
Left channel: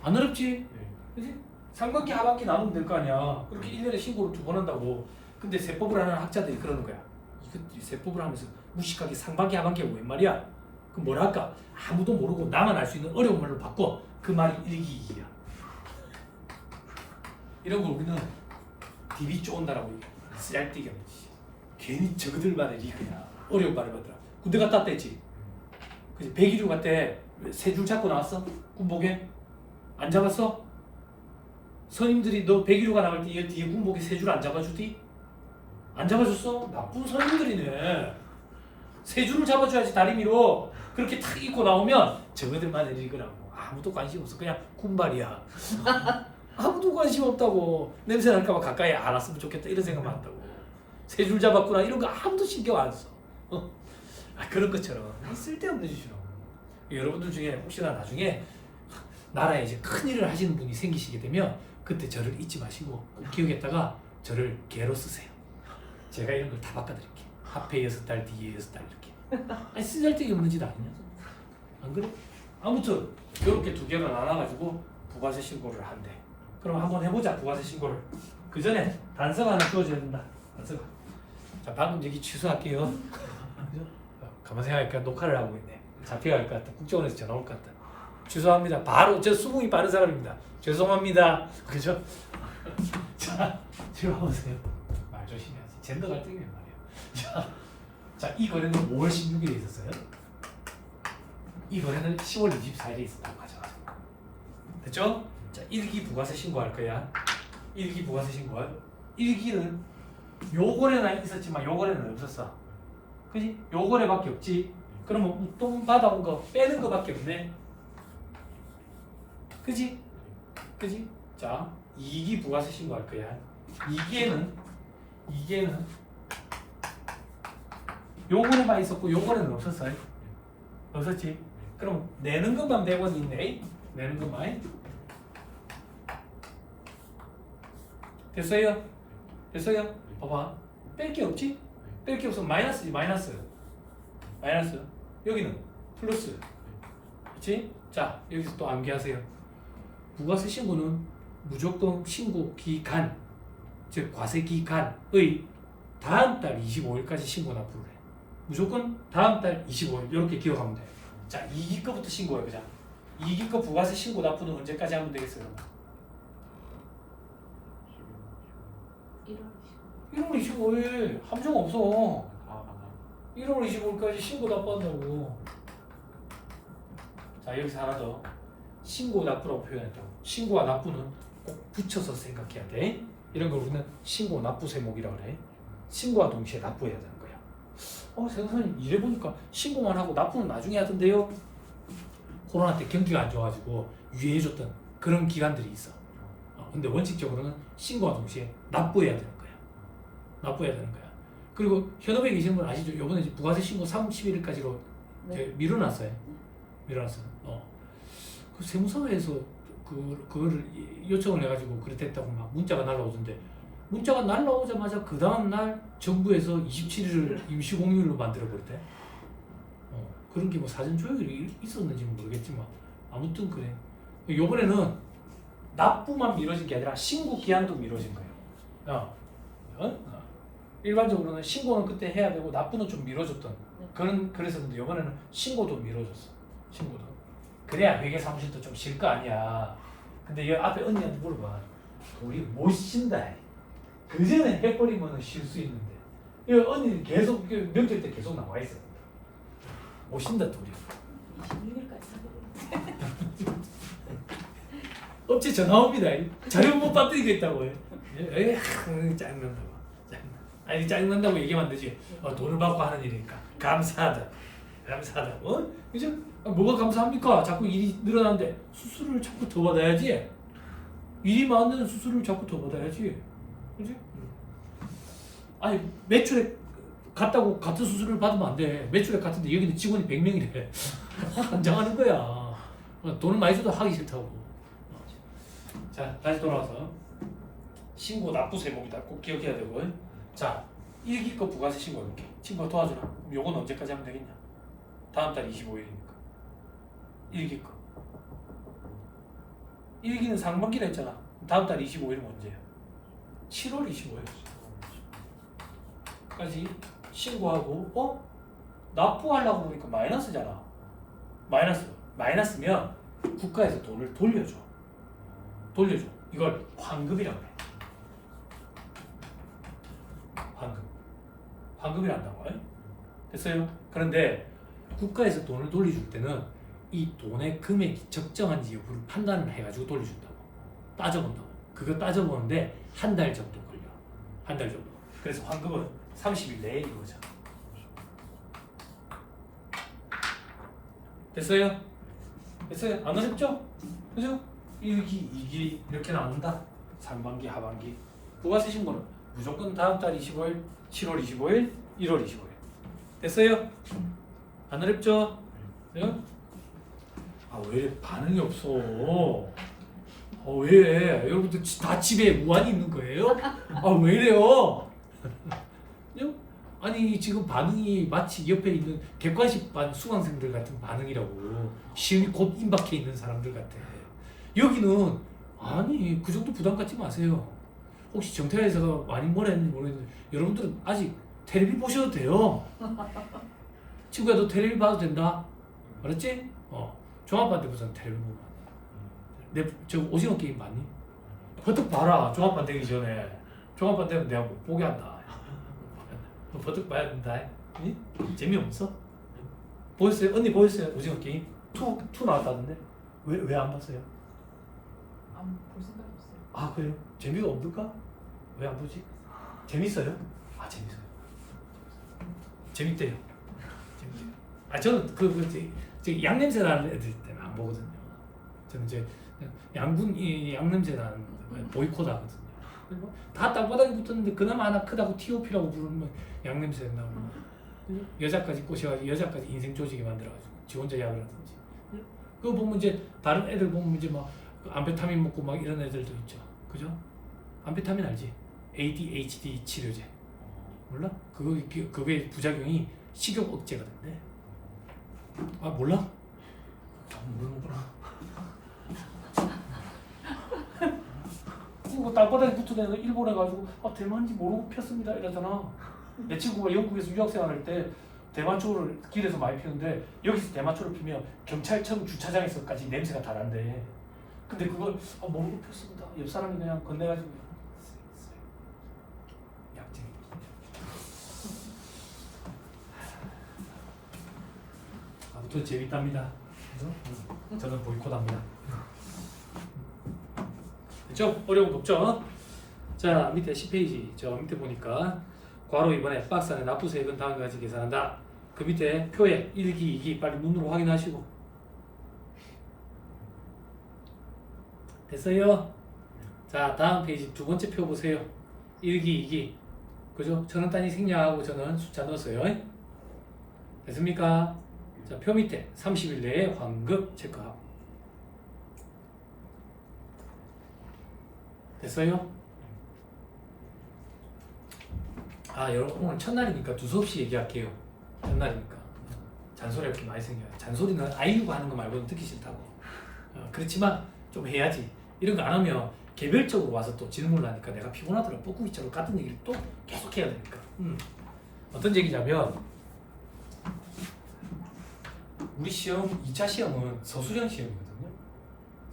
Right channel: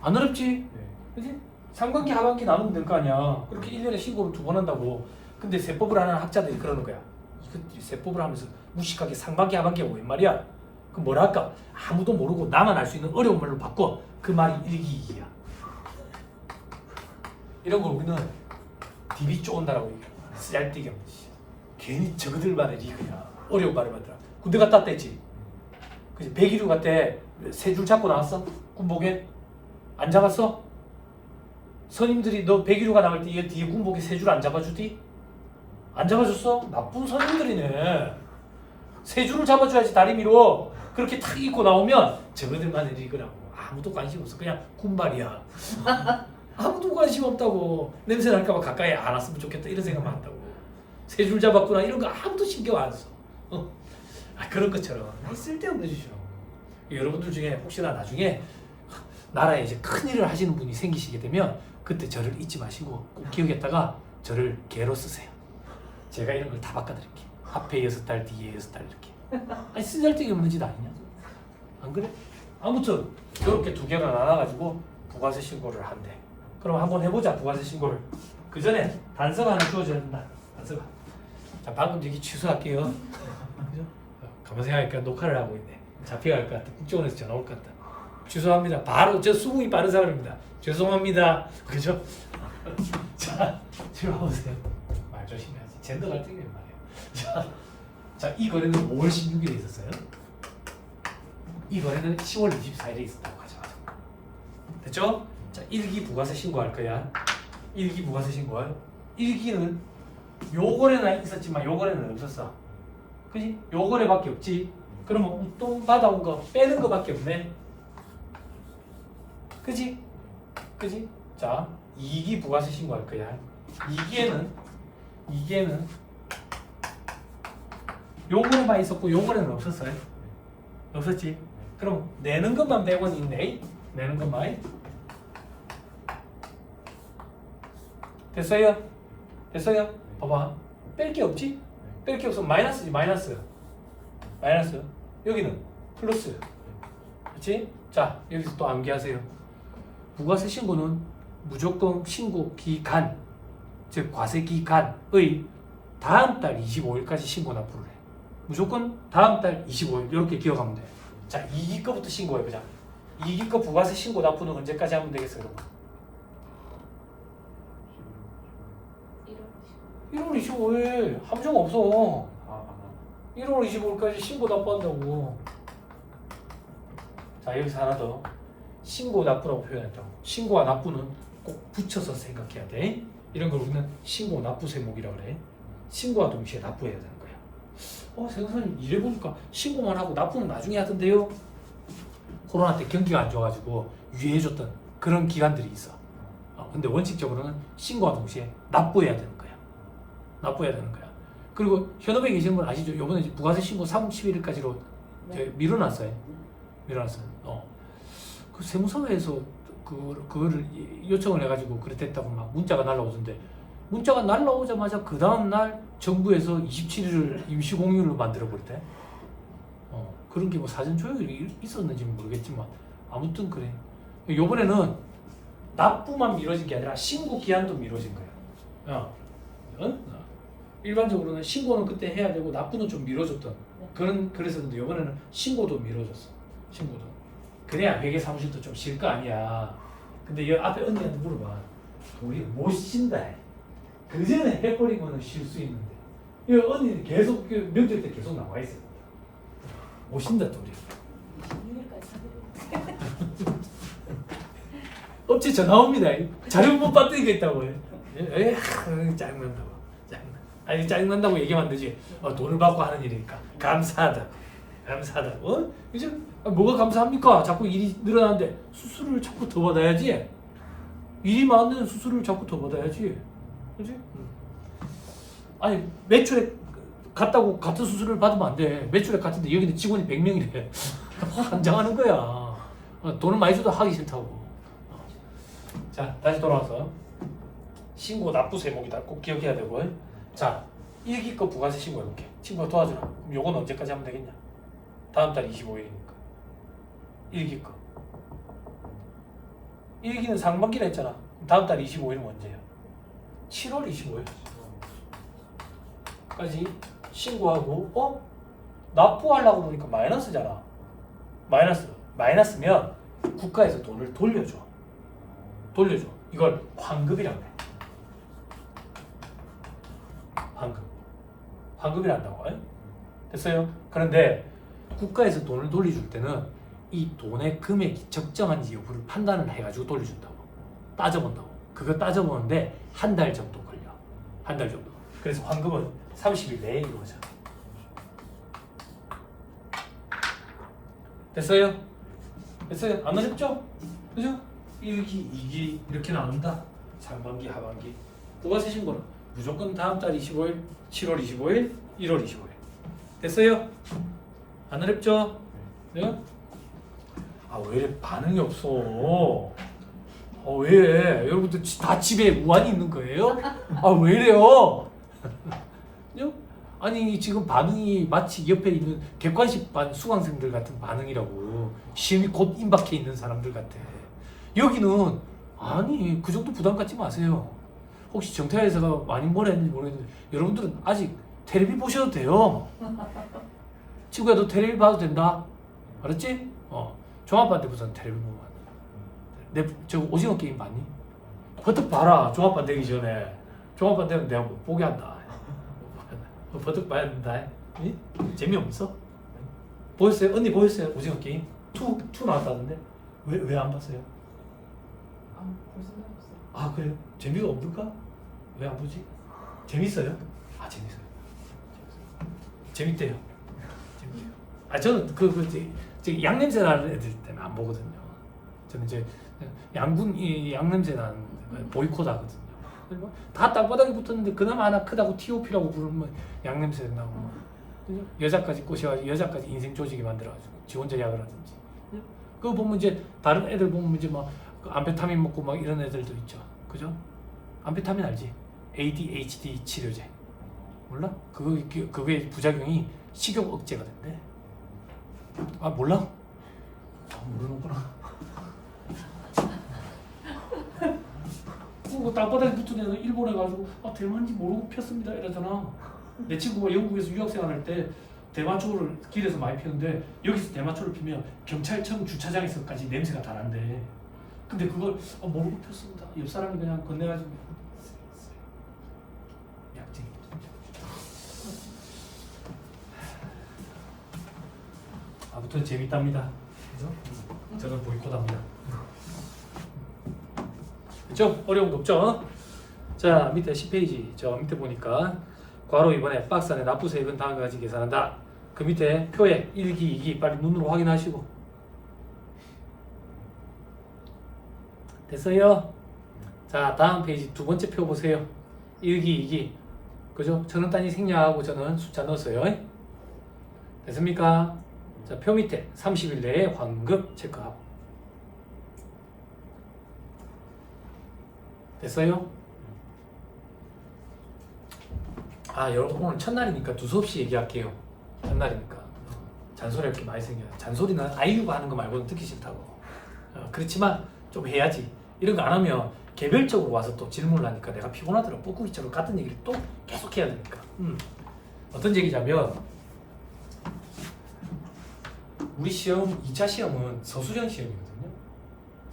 안 어렵지? 그치? 상반기 하반기 나누면 될 거 아니야. 그렇게 1년에 신고를 2번 한다고. 근데 세법을 하는 학자들이 그러는 거야. 세법을 하면서 무식하게 상반기 하반기가 웬 말이야? 그 뭐라 할까? 아무도 모르고 나만 알 수 있는 어려운 말로 바꿔. 그 말이 일기이기야. 이런 걸 우리는 DB 쪼온다라고 얄띠게 하면 괜히 저그들만의 리그야. 어려운 말을 만들어. 군대 갔다 왔댔지. 그치? 101류 갈 때 세 줄 잡고 나왔어? 군복에? 안 잡았어? 선임들이 너 101루가 나올 때 뒤에 군복에 세 줄 안 잡아주디? 안 잡아줬어? 나쁜 선임들이네. 세 줄을 잡아줘야지 다리미로. 그렇게 탁 입고 나오면 저그들만의 리그라고. 아무도 관심 없어. 그냥 군발이야. 아무도 관심 없다고. 냄새 날까봐 가까이 안 왔으면 좋겠다 이런 생각만 한다고. 세 줄 잡았구나 이런 거 아무도 신경 안 써. 그런 것처럼 쓸데없는 짓이라고. 여러분들 중에 혹시나 나중에 나라에 이제 큰 일을 하시는 분이 생기시게 되면 그때 저를 잊지 마시고 꼭 기억했다가 저를 개로 쓰세요. 제가 이런 걸 다 바꿔드릴게요. 앞에 6달 뒤에 6달 이렇게. 아니 쓰잘데기 없는 짓 아니냐? 안 그래? 아무튼 이렇게 두 개가 나눠가지고 부가세 신고를 한대. 그럼 한번 해보자 부가세 신고를. 그 전에 단서가 하나 주어져야 된다. 단서가. 자 방금 얘기 취소할게요. 그죠? 가만 생각하니까 녹화를 하고 있네. 잡혀갈 것 같다. 국정원에서 전화 올 것 같다. 죄송합니다. 바로 저 수긍이 빠른 사람입니다. 죄송합니다. 그죠? 자 뒤로 와보세요. 말 조심해야지. 젠더 갈등이란 말이에요. 자, 이 거래는 5월 16일에 있었어요. 이 거래는 10월 24일에 있었다고 가져가죠. 됐죠? 자, 1기 부가세 신고할 거야. 1기 부가세 신고할. 1기는 요 거래는 있었지만 요 거래는 없었어. 그지? 요 거래밖에 없지. 그러면 웃돈 받아온 거 빼는 거밖에 없네. 그지? 그지? 자, 2기 부가세 신고할 거야. 2기에는 요 거래만 있었고 요 거래는 없었어요. 없었지? 그럼 내는 것만 100원 있네. 내는 것만. 됐어요? 됐어요? 봐봐. 뺄 게 없지? 뺄 게 없으면 마이너스지. 마이너스. 여기는 플러스. 그렇지? 자, 여기서 또 암기하세요. 부가세 신고는 무조건 신고 기간, 즉 과세 기간의 다음 달 25일까지 신고 납부를 해. 무조건 다음 달 25일 이렇게 기억하면 돼. 자, 2기 거부터 신고해보자. 2기 거 부가세 신고 납부는 언제까지 하면 되겠어요? 1월 25일 함정 없어. 1월 25일까지 신고 납부한다고. 자, 여기서 하나 더. 신고 납부라고 표현했다고. 신고와 납부는 꼭 붙여서 생각해야 돼. 이런 걸 우리는 신고 납부 세목이라고 그래. 신고와 동시에 납부해야 되는 거야. 생선님 이래보니까 신고만 하고 납부는 나중에 하던데요. 코로나 때 경기가 안 좋아가지고 유예해줬던 그런 기간들이 있어. 근데 원칙적으로는 신고와 동시에 납부해야 되는 거야. 납부해야 되는 거야. 그리고 현업에 계시는 분 아시죠? 요번에 부가세 신고 31일까지로 밀어놨어요. 밀어놨어요. 그 세무서에서 그거를 요청을 해가지고 그래 됐다고 막 문자가 날라오던데, 문자가 날라오자마자 그 다음 날 정부에서 27일을 임시 공휴일로 만들어 버리대. 그런 게 뭐 사전 조율이 있었는지는 모르겠지만 아무튼 그래. 요번에는 납부만 미뤄진 게 아니라 신고 기한도 미뤄진 거예요. 일반적으로는 신고는 그때 해야 되고 납부는 좀 미뤄졌던 그런 그랬었는데 요번에는 신고도 미뤄졌어. 신고도. 그래야 회계 사무실도 좀 쉴 거 아니야. 근데 이 앞에 언니한테 물어봐. 우리 못 쉰다. 그 전에 해버리면 쉴 수 있는데. 이 언니는 계속 명절 때 계속 나와 있어. 못 쉰다 둘이. 어째 전화 옵니다. 자료본 배터리가 있다고요. 짜증난다고. 아니 짜증난다고 얘기하면 안 되지. 돈을 받고 하는 일이니까. 감사하다. 요즘 뭐가 감사합니까? 자꾸 일이 늘어나는데 수수료를 자꾸 더 받아야지. 일이 많은 수수료를 자꾸 더 받아야지. 그렇지? 아니 매출액 같다고 같은 수수료를 받으면 안 돼. 매출액 같은데 여기는 직원이 100명이래. 환장하는 거야. 돈을 많이 줘도 하기 싫다고. 자, 다시 돌아와서 신고 납부 세목이다. 꼭 기억해야 되고. 자, 1기 거 부가세 신고 해볼게. 친구가 도와주라. 그럼 요건 언제까지 하면 되겠냐? 다음 달 25일이니까 1기 거. 1기는 상반기라 했잖아. 다음 달 25일은 언제야? 7월 25일까지 신고하고 납부하려고 보니까 마이너스잖아. 마이너스면 국가에서 돈을 돌려줘. 이걸 환급이라고 해. 환급이란다고. 됐어요? 그런데 국가에서 돈을 돌려줄 때는 이 돈의 금액이 적정한지 여부를 판단을 해가지고 돌려준다고. 따져본다고. 그거 따져보는데 한 달 정도 걸려. 한 달 정도. 그래서 환급은 30일 내에 이루어져. 됐어요? 안 어렵죠? 그죠? 1기, 2기 이렇게 나온다. 상반기, 하반기. 그거 쓰신 거는 무조건 다음 달 25일, 7월 25일, 1월 25일. 됐어요? 안 어렵죠? 네? 왜 이래 반응이 없어? 왜? 여러분들 다 집에 무한히 있는 거예요? 왜 이래요? 아니 지금 반응이 마치 옆에 있는 객관식 반 수강생들 같은 반응이라고. 시험이 곧 임박해 있는 사람들 같아. 여기는 아니 그 정도 부담 갖지 마세요. 혹시 정태아에서 많이 뭘 했는지 모르겠는데 여러분들은 아직 텔레비 보셔도 돼요. 친구야 너 텔레비 봐도 된다. 알았지? 종합반대부터는 텔레비 보면 안 돼. 저 오징어 게임 봤니? 버뜩 봐라. 종합반 되기 전에. 종합반 되면 내가 못 보게 한다. 버뜩 봐야 된다. 아니? 재미없어? 보였어요? 언니 보였어요? 오징어 게임? 2 나왔다던데? 왜 안 봤어요? 안 볼 생각 없어요. 그래요? 재미가 없을까? 왜 안 보지? 재밌어요? 재밌대요. 저는 저 양냄새 나는 애들 때문에 안 보거든요. 저는 이제 양냄새 나는 보이콧 하거든요. 그리고 다 땅바닥에 붙었는데 그나마 하나 크다고 TOP라고 부르면 양냄새 나고 여자까지 꼬셔가지고 여자까지 인생 조지게 만들어가지고 지 혼자 약을 하든지. 그거 보면 이제 다른 애들 보면 이제 막 암페타민 먹고 막 이런 애들도 있죠. 그죠? 암페타민 알지? ADHD 치료제. 몰라? 그거의 부작용이 식욕 억제가 된대. 몰라? 모르는구나. 그거 땅바닥에 붙은 애들 일본에 가지고 대만인지 모르고 폈습니다 이러잖아. 내 친구가 영국에서 유학생활 할 때 대마초를 길에서 많이 피우는데 여기서 대마초를 피면 경찰청 주차장에서까지 냄새가 다 난대. 근데 그걸 모르고 폈습니다. 옆 사람이 그냥 건네가지고 약쟁이. 아무튼 재밌답니다. 그죠? 저는 보이콧합니다. 그죠? 어려운 거 없죠? 자 밑에 10페이지 저 밑에 보니까 괄호 이번에 박스 안에 납부세액은 다음과 같이 계산한다. 그 밑에 표에 1기, 2기 빨리 눈으로 확인하시고. 됐어요? 자 다음 페이지 두 번째 표 보세요. 1기, 2기 그죠? 저는 단위 생략하고 저는 숫자 넣었어요. 됐습니까? 자 표 밑에 30일 내에 환급 체크하고. 됐어요? 여러분 오늘 첫날이니까 두서없이 얘기할게요. 첫날이니까 잔소리 이렇게 많이 생겨요. 잔소리는 아이유가 하는 거 말고는 듣기 싫다고. 그렇지만 좀 해야지. 이런 거 안 하면 개별적으로 와서 또 질문을 하니까 내가 피곤하더라고. 뻐꾸기처럼 같은 얘기를 또 계속 해야 되니까. 어떤 얘기냐면 우리 시험 2차 시험은 서술형 시험이거든요.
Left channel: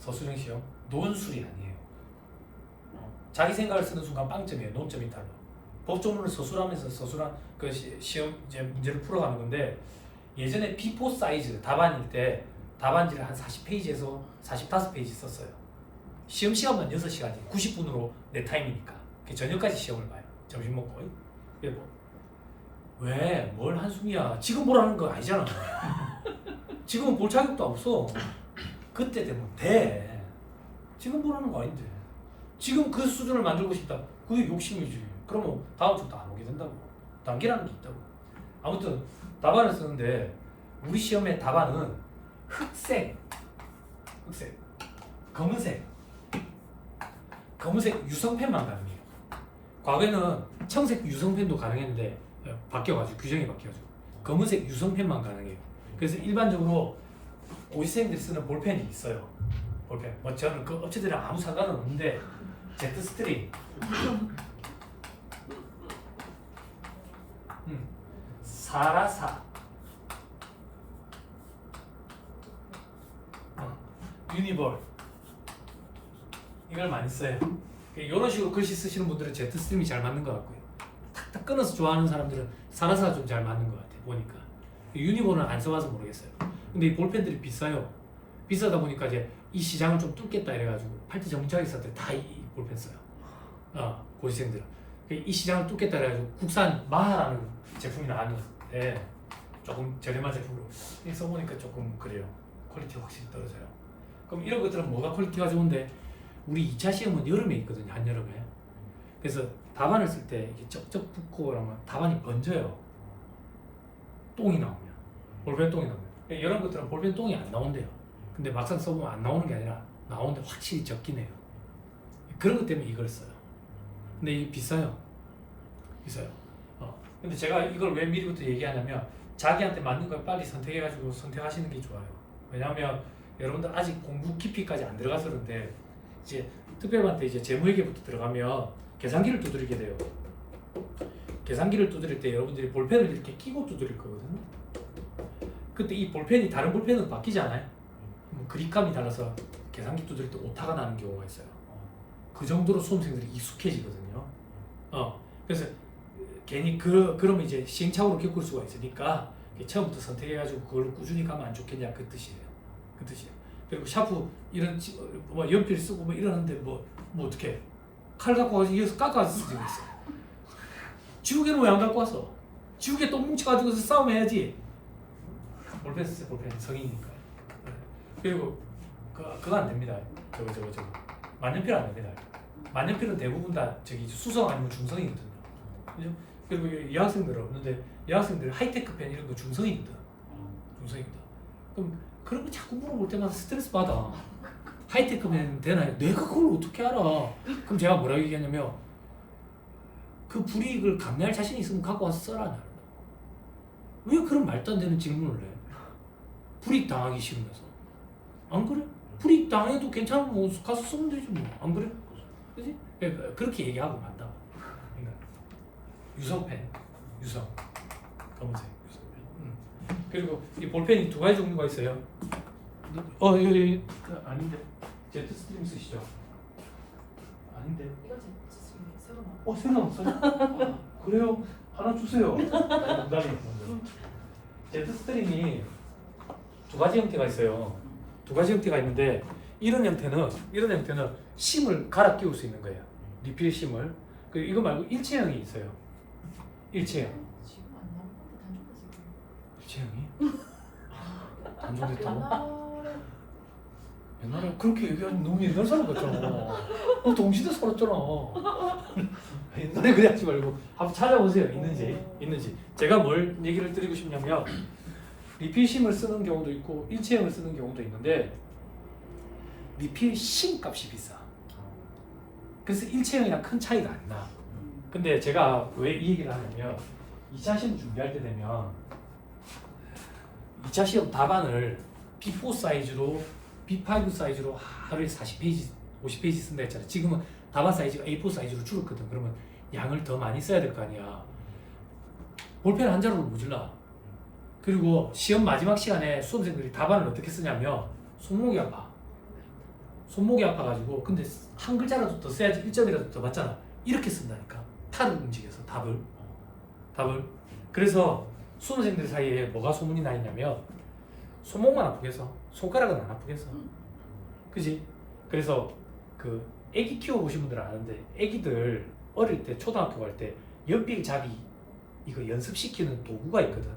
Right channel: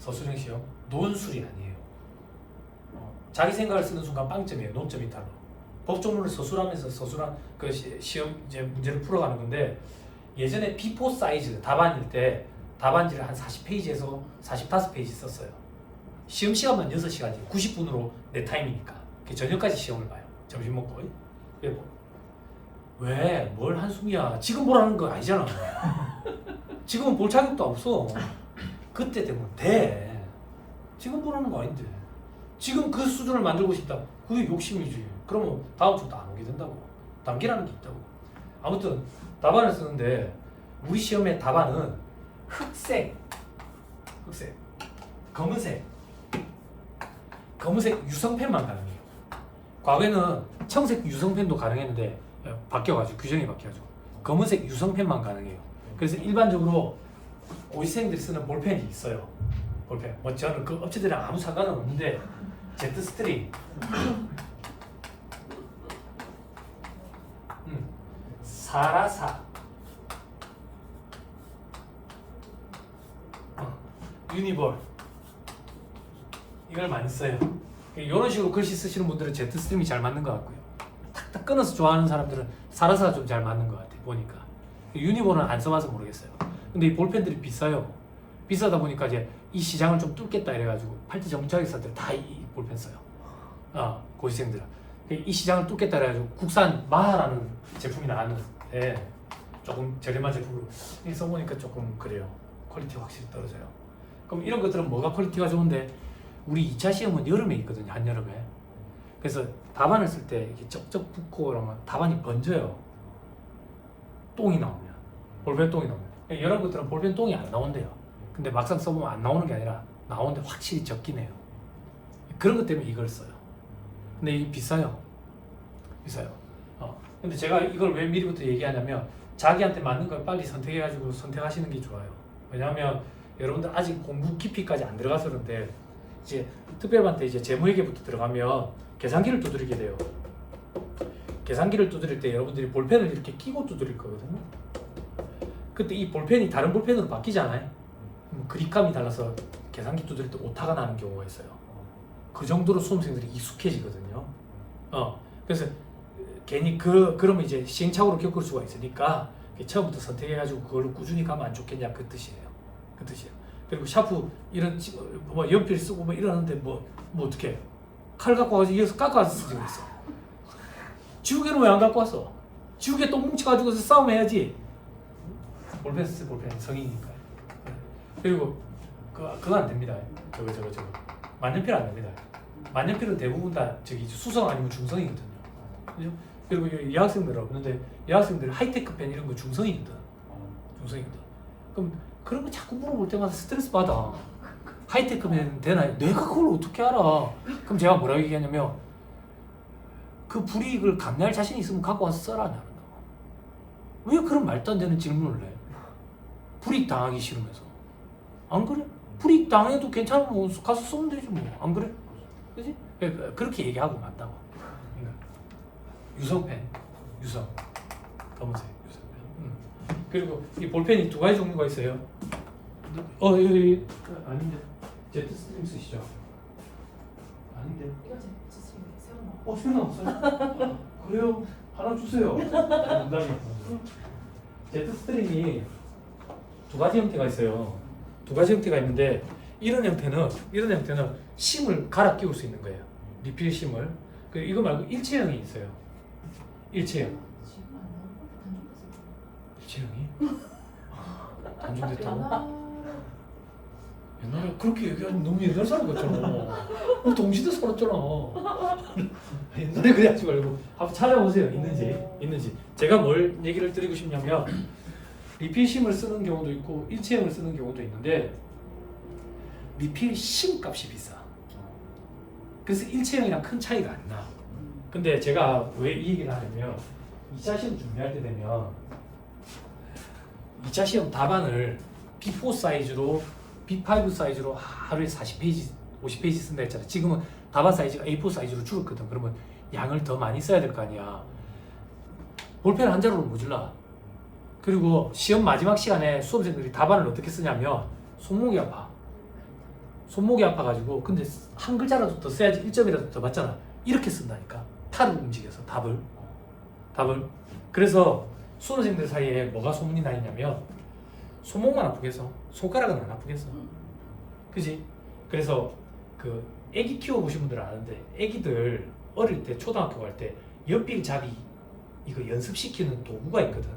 서술형 시험 논술이 아니에요. 자기 생각을 쓰는 순간 빵점이에요. 논점이 달라. 법조문을 서술하면서 서술한 그 시험 이제 문제를 풀어가는 건데 예전에 B4 사이즈 답안일 때 답안지를 한 40페이지에서 45페이지 썼어요. 시험 시간만 6시간이에요. 90분으로 내 타임이니까. 저녁까지 시험을 봐요. 점심 먹고. 왜? 뭘 한숨이야. 지금 보라는 거 아니잖아. 지금은 볼 자격도 없어. 그때 되면 돼. 지금 보라는 거 아닌데. 지금 그 수준을 만들고 싶다. 그게 욕심이지. 그러면 다음 주부터 안 오게 된다고. 단계라는 게 있다고. 아무튼 답안을 쓰는데 우리 시험의 답안은 흑색, 검은색 유성펜만 가능해요. 과거에는 청색 유성펜도 가능했는데 바뀌어가지고 규정이 바뀌어가지고 검은색 유성펜만 가능해요. 그래서 일반적으로 고시생들이 쓰는 볼펜이 있어요. 볼펜. 뭐 저는 그 업체들이랑 아무 상관은 없는데 제트 스트링, 사라사, 유니볼 이걸 많이 써요. 이런 식으로 글씨 쓰시는 분들은 제트 스트림이 잘 맞는 것 같고요. 탁탁 끊어서 좋아하는 사람들은 사라사가 좀 잘 맞는 것 같아요. 보니까 유니볼은 안 써봐서 모르겠어요. 근데 이 볼펜들이 비싸요. 비싸다 보니까 이제 이 시장을 좀 뚫겠다 이래가지고 팔찌 전문차게 사들 다이 볼펜 써요. 고시생들은 이 시장을 뚫겠다 이래가지고 국산 마하라는 제품이 나왔는데 조금 저렴한 제품으로 써보니까 조금 그래요. 퀄리티 확실히 떨어져요. 그럼 이런 것들은 뭐가 퀄리티가 좋은데 우리 2차 시험은 여름에 있거든요. 한여름에. 그래서 답안을 쓸 때 이게 쩍쩍 붙고 그러면 답안이 번져요. 똥이 나오면. 볼펜 똥이 나오면. 이런 것들은 볼펜 똥이 안 나온대요. 근데 막상 써보면 안 나오는 게 아니라 나오는데 확실히 적긴 해요. 그런 것 때문에 이걸 써요. 근데 이게 비싸요. 비싸요. 근데 제가 이걸 왜 미리부터 얘기하냐면 자기한테 맞는 걸 빨리 선택해가지고 선택하시는 게 좋아요. 왜냐하면 여러분들 아직 공부 깊이까지 안 들어가서 그런데 이제 특별반 때 이제 재무회계부터 들어가면 계산기를 두드리게 돼요. 계산기를 두드릴 때 여러분들이 볼펜을 이렇게 끼고 두드릴 거거든요. 그때 이 볼펜이 다른 볼펜으로 바뀌잖아요. 그립감이 달라서 계산기 두드릴 때 오타가 나는 경우가 있어요. 그 정도로 수험생들이 익숙해지거든요. 그래서 괜히 그러면 이제 시행착오를 겪을 수가 있으니까 처음부터 선택해가지고 그걸로 꾸준히 가면 안 좋겠냐 그 뜻이에요. 그 뜻이에요. 그리고 샤프 이런 뭐 연필 쓰고 뭐 이러는데 뭐 어떻게 칼 갖고 와서 이어서 깎아서 쓰고 있어. 지우개는 왜 안 갖고 왔어? 지우개 똥 뭉쳐가지고서 싸움해야지. 볼펜 쓰 볼펜 성인이니까. 그리고 그거 안 됩니다. 저거 만년필 안 됩니다. 만년필은 대부분 다 저기 수성 아니면 중성이거든요. 그죠? 그리고 여학생들은 없는데 여학생들 하이테크 펜 이런 거 중성이거든. 중성이거든. 그럼 그런 거 자꾸 물어볼 때마다 스트레스 받아. 하이테크 펜 되나요? 내가 그걸 어떻게 알아? 그럼 제가 뭐라고 얘기하냐면 그 불이익을 감내할 자신 있으면 갖고 와서 써라. 왜 그런 말도 안 되는 질문을 해? 불이익 당하기 싫으면서. 안 그래? 불이익 당해도 괜찮으면 가서 쓰면 되지 뭐. 안 그래? 그지? 그렇게 얘기하고 만다고. 유성펜, 유성, 검은색 유성펜. 그리고 이 볼펜이 두 가지 종류가 있어요. 여기 아닌데 제트 스트링 쓰시죠? 아닌데. 이거 제 생각났어요? 그래요? 하나 주세요. 농담이요. 제트 스트링이 두 가지 형태가 있어요. 두 가지 형태가 있는데 이런 형태는 심을 갈아 끼울 수 있는 거예요. 리필 심을. 그리고 이거 말고 일체형이 있어요. 일체형. 지금 안 나온 거 단종했어요. 일체형이? 단종됐다고? 옛날에 그렇게 얘기하면 너무 옛날 사람 같잖아. 우리 동시대 살았잖아. 옛날에 그래 하지 말고 한번 찾아보세요. 있는지. 제가 뭘 얘기를 드리고 싶냐면 리필심을 쓰는 경우도 있고 일체형을 쓰는 경우도 있는데 리필심 값이 비싸. 그래서 일체형이랑 큰 차이가 안 나. 근데 제가 왜 이 얘기를 하냐면 2차 시험 준비할 때 되면 2차 시험 답안을 B4 사이즈로 B5 사이즈로 하루에 40페이지, 50페이지 쓴다 했잖아. 지금은 답안 사이즈가 A4 사이즈로 줄었거든. 그러면 양을 더 많이 써야 될 거 아니야. 볼펜 한 자루로 모질라. 그리고 시험 마지막 시간에 수험생들이 답안을 어떻게 쓰냐면 손목이 아파. 손목이 아파가지고 근데 한 글자라도 더 써야지 1점이라도 더 받잖아. 이렇게 쓴다니까. 탈을 움직여서 답을. 그래서 수험생들 사이에 뭐가 소문이 나 있냐면 손목만 아프겠어. 손가락은 안 아프겠어. 그지? 그래서 그 애기 키워보신 분들은 아는데 애기들 어릴 때 초등학교 갈 때 연필 잡이 이거 연습시키는 도구가 있거든.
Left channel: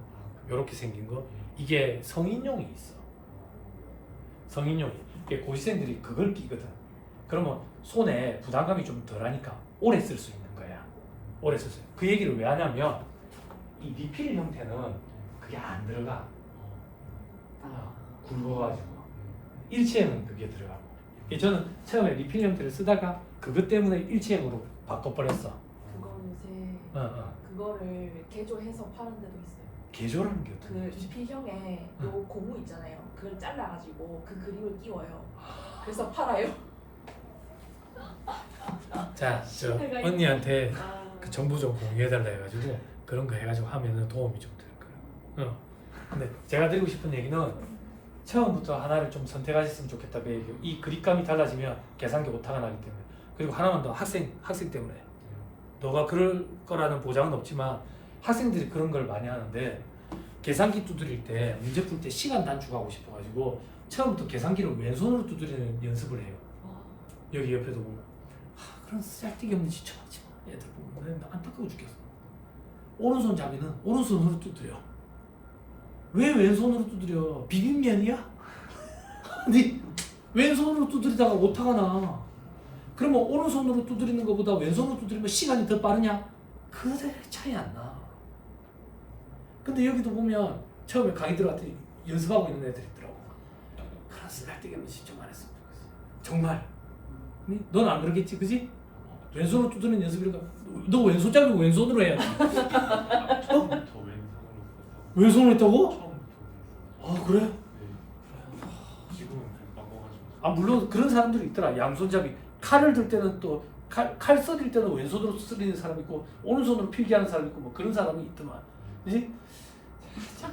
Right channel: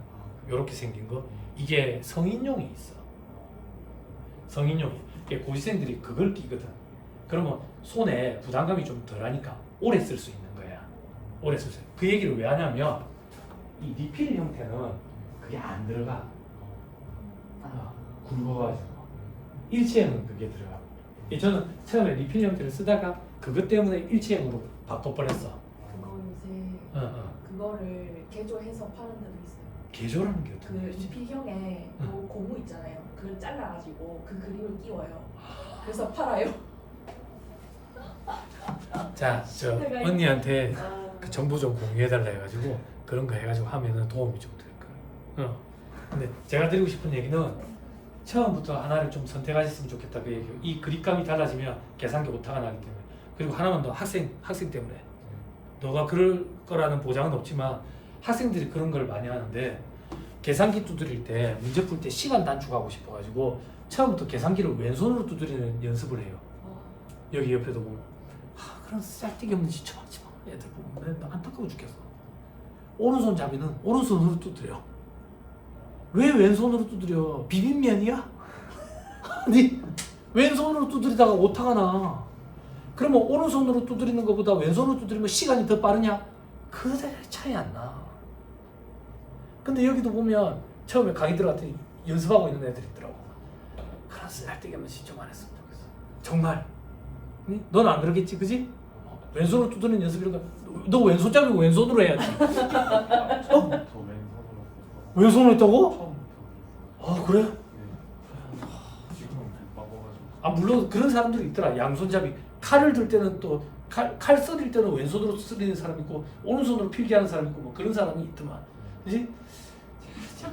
요렇게 생긴 거. 이게 성인용이 있어. 성인용이. 고시생들이 그걸 끼거든. 그러면 손에 부담감이 좀 덜하니까 오래 쓸 수 있는 거야. 오래 쓸 수 있는. 그 얘기를 왜 하냐면 이 리필 형태는 그게 안 들어가. 굵어가지고 일체형은 그게 들어가. 저는 처음에 리필 형태를 쓰다가 그것 때문에 일체형으로 바꿔버렸어. 그거 요새 그거를 개조해서 파는 데도 있어요. 개조라는 게 어떤 그 거지? 비형에 응. 그 고무 있잖아요. 그걸 잘라가지고 그 그림을 띄워요. 그래서 팔아요. 자, 저 언니한테 그 정보 좀 공유해달라 해가지고 그런 거 해가지고 하면은 도움이 좀 될 거예요. 근데 제가 드리고 싶은 얘기는 처음부터 하나를 좀 선택하셨으면 좋겠다 그 얘기예요. 이 그립감이 달라지면 계산기 오타가 나기 때문에. 그리고 하나만 더 학생 때문에 너가 그럴 거라는 보장은 없지만 학생들이 그런 걸 많이 하는데 계산기 두드릴 때 문제 풀 때 시간 단축하고 싶어가지고 처음부터 계산기를 왼손으로 두드리는 연습을 해요. 여기 옆에도 보면 그런 쌀데기 없는 짓 좀 하지 마. 애들 보면 안타까워 죽겠어. 오른손 잡이는 오른손으로 두드려. 왜 왼손으로 두드려? 비빔면이야? 아니 왼손으로 두드리다가 오타가 나. 그러면 오른손으로 두드리는 것보다 왼손으로 두드리면 시간이 더 빠르냐? 그대 차이 안 나. 근데 여기도 보면 처음에 강의 들어갔더니 연습하고 있는 애들이 있더라고. 그런 쓸데기 없는 짓 좀 안 했으면 좋겠어. 정말. 넌 안 그러겠지, 그지? 왼손으로 두드리는 연습이니까 너 왼손잡이고 왼손으로 해야지. 처음부터 왼손으로 써서 왼손으로 했다고? 처음부터 그래? 네. 지금은 바꿔가지고 물론 그런 사람들이 있더라. 양손잡이. 칼을 들 때는 또 칼 썰일 때는 왼손으로 쓰리는 사람 있고 오른손으로 필기하는 사람 있고 뭐 그런 사람이 있더만. 그지?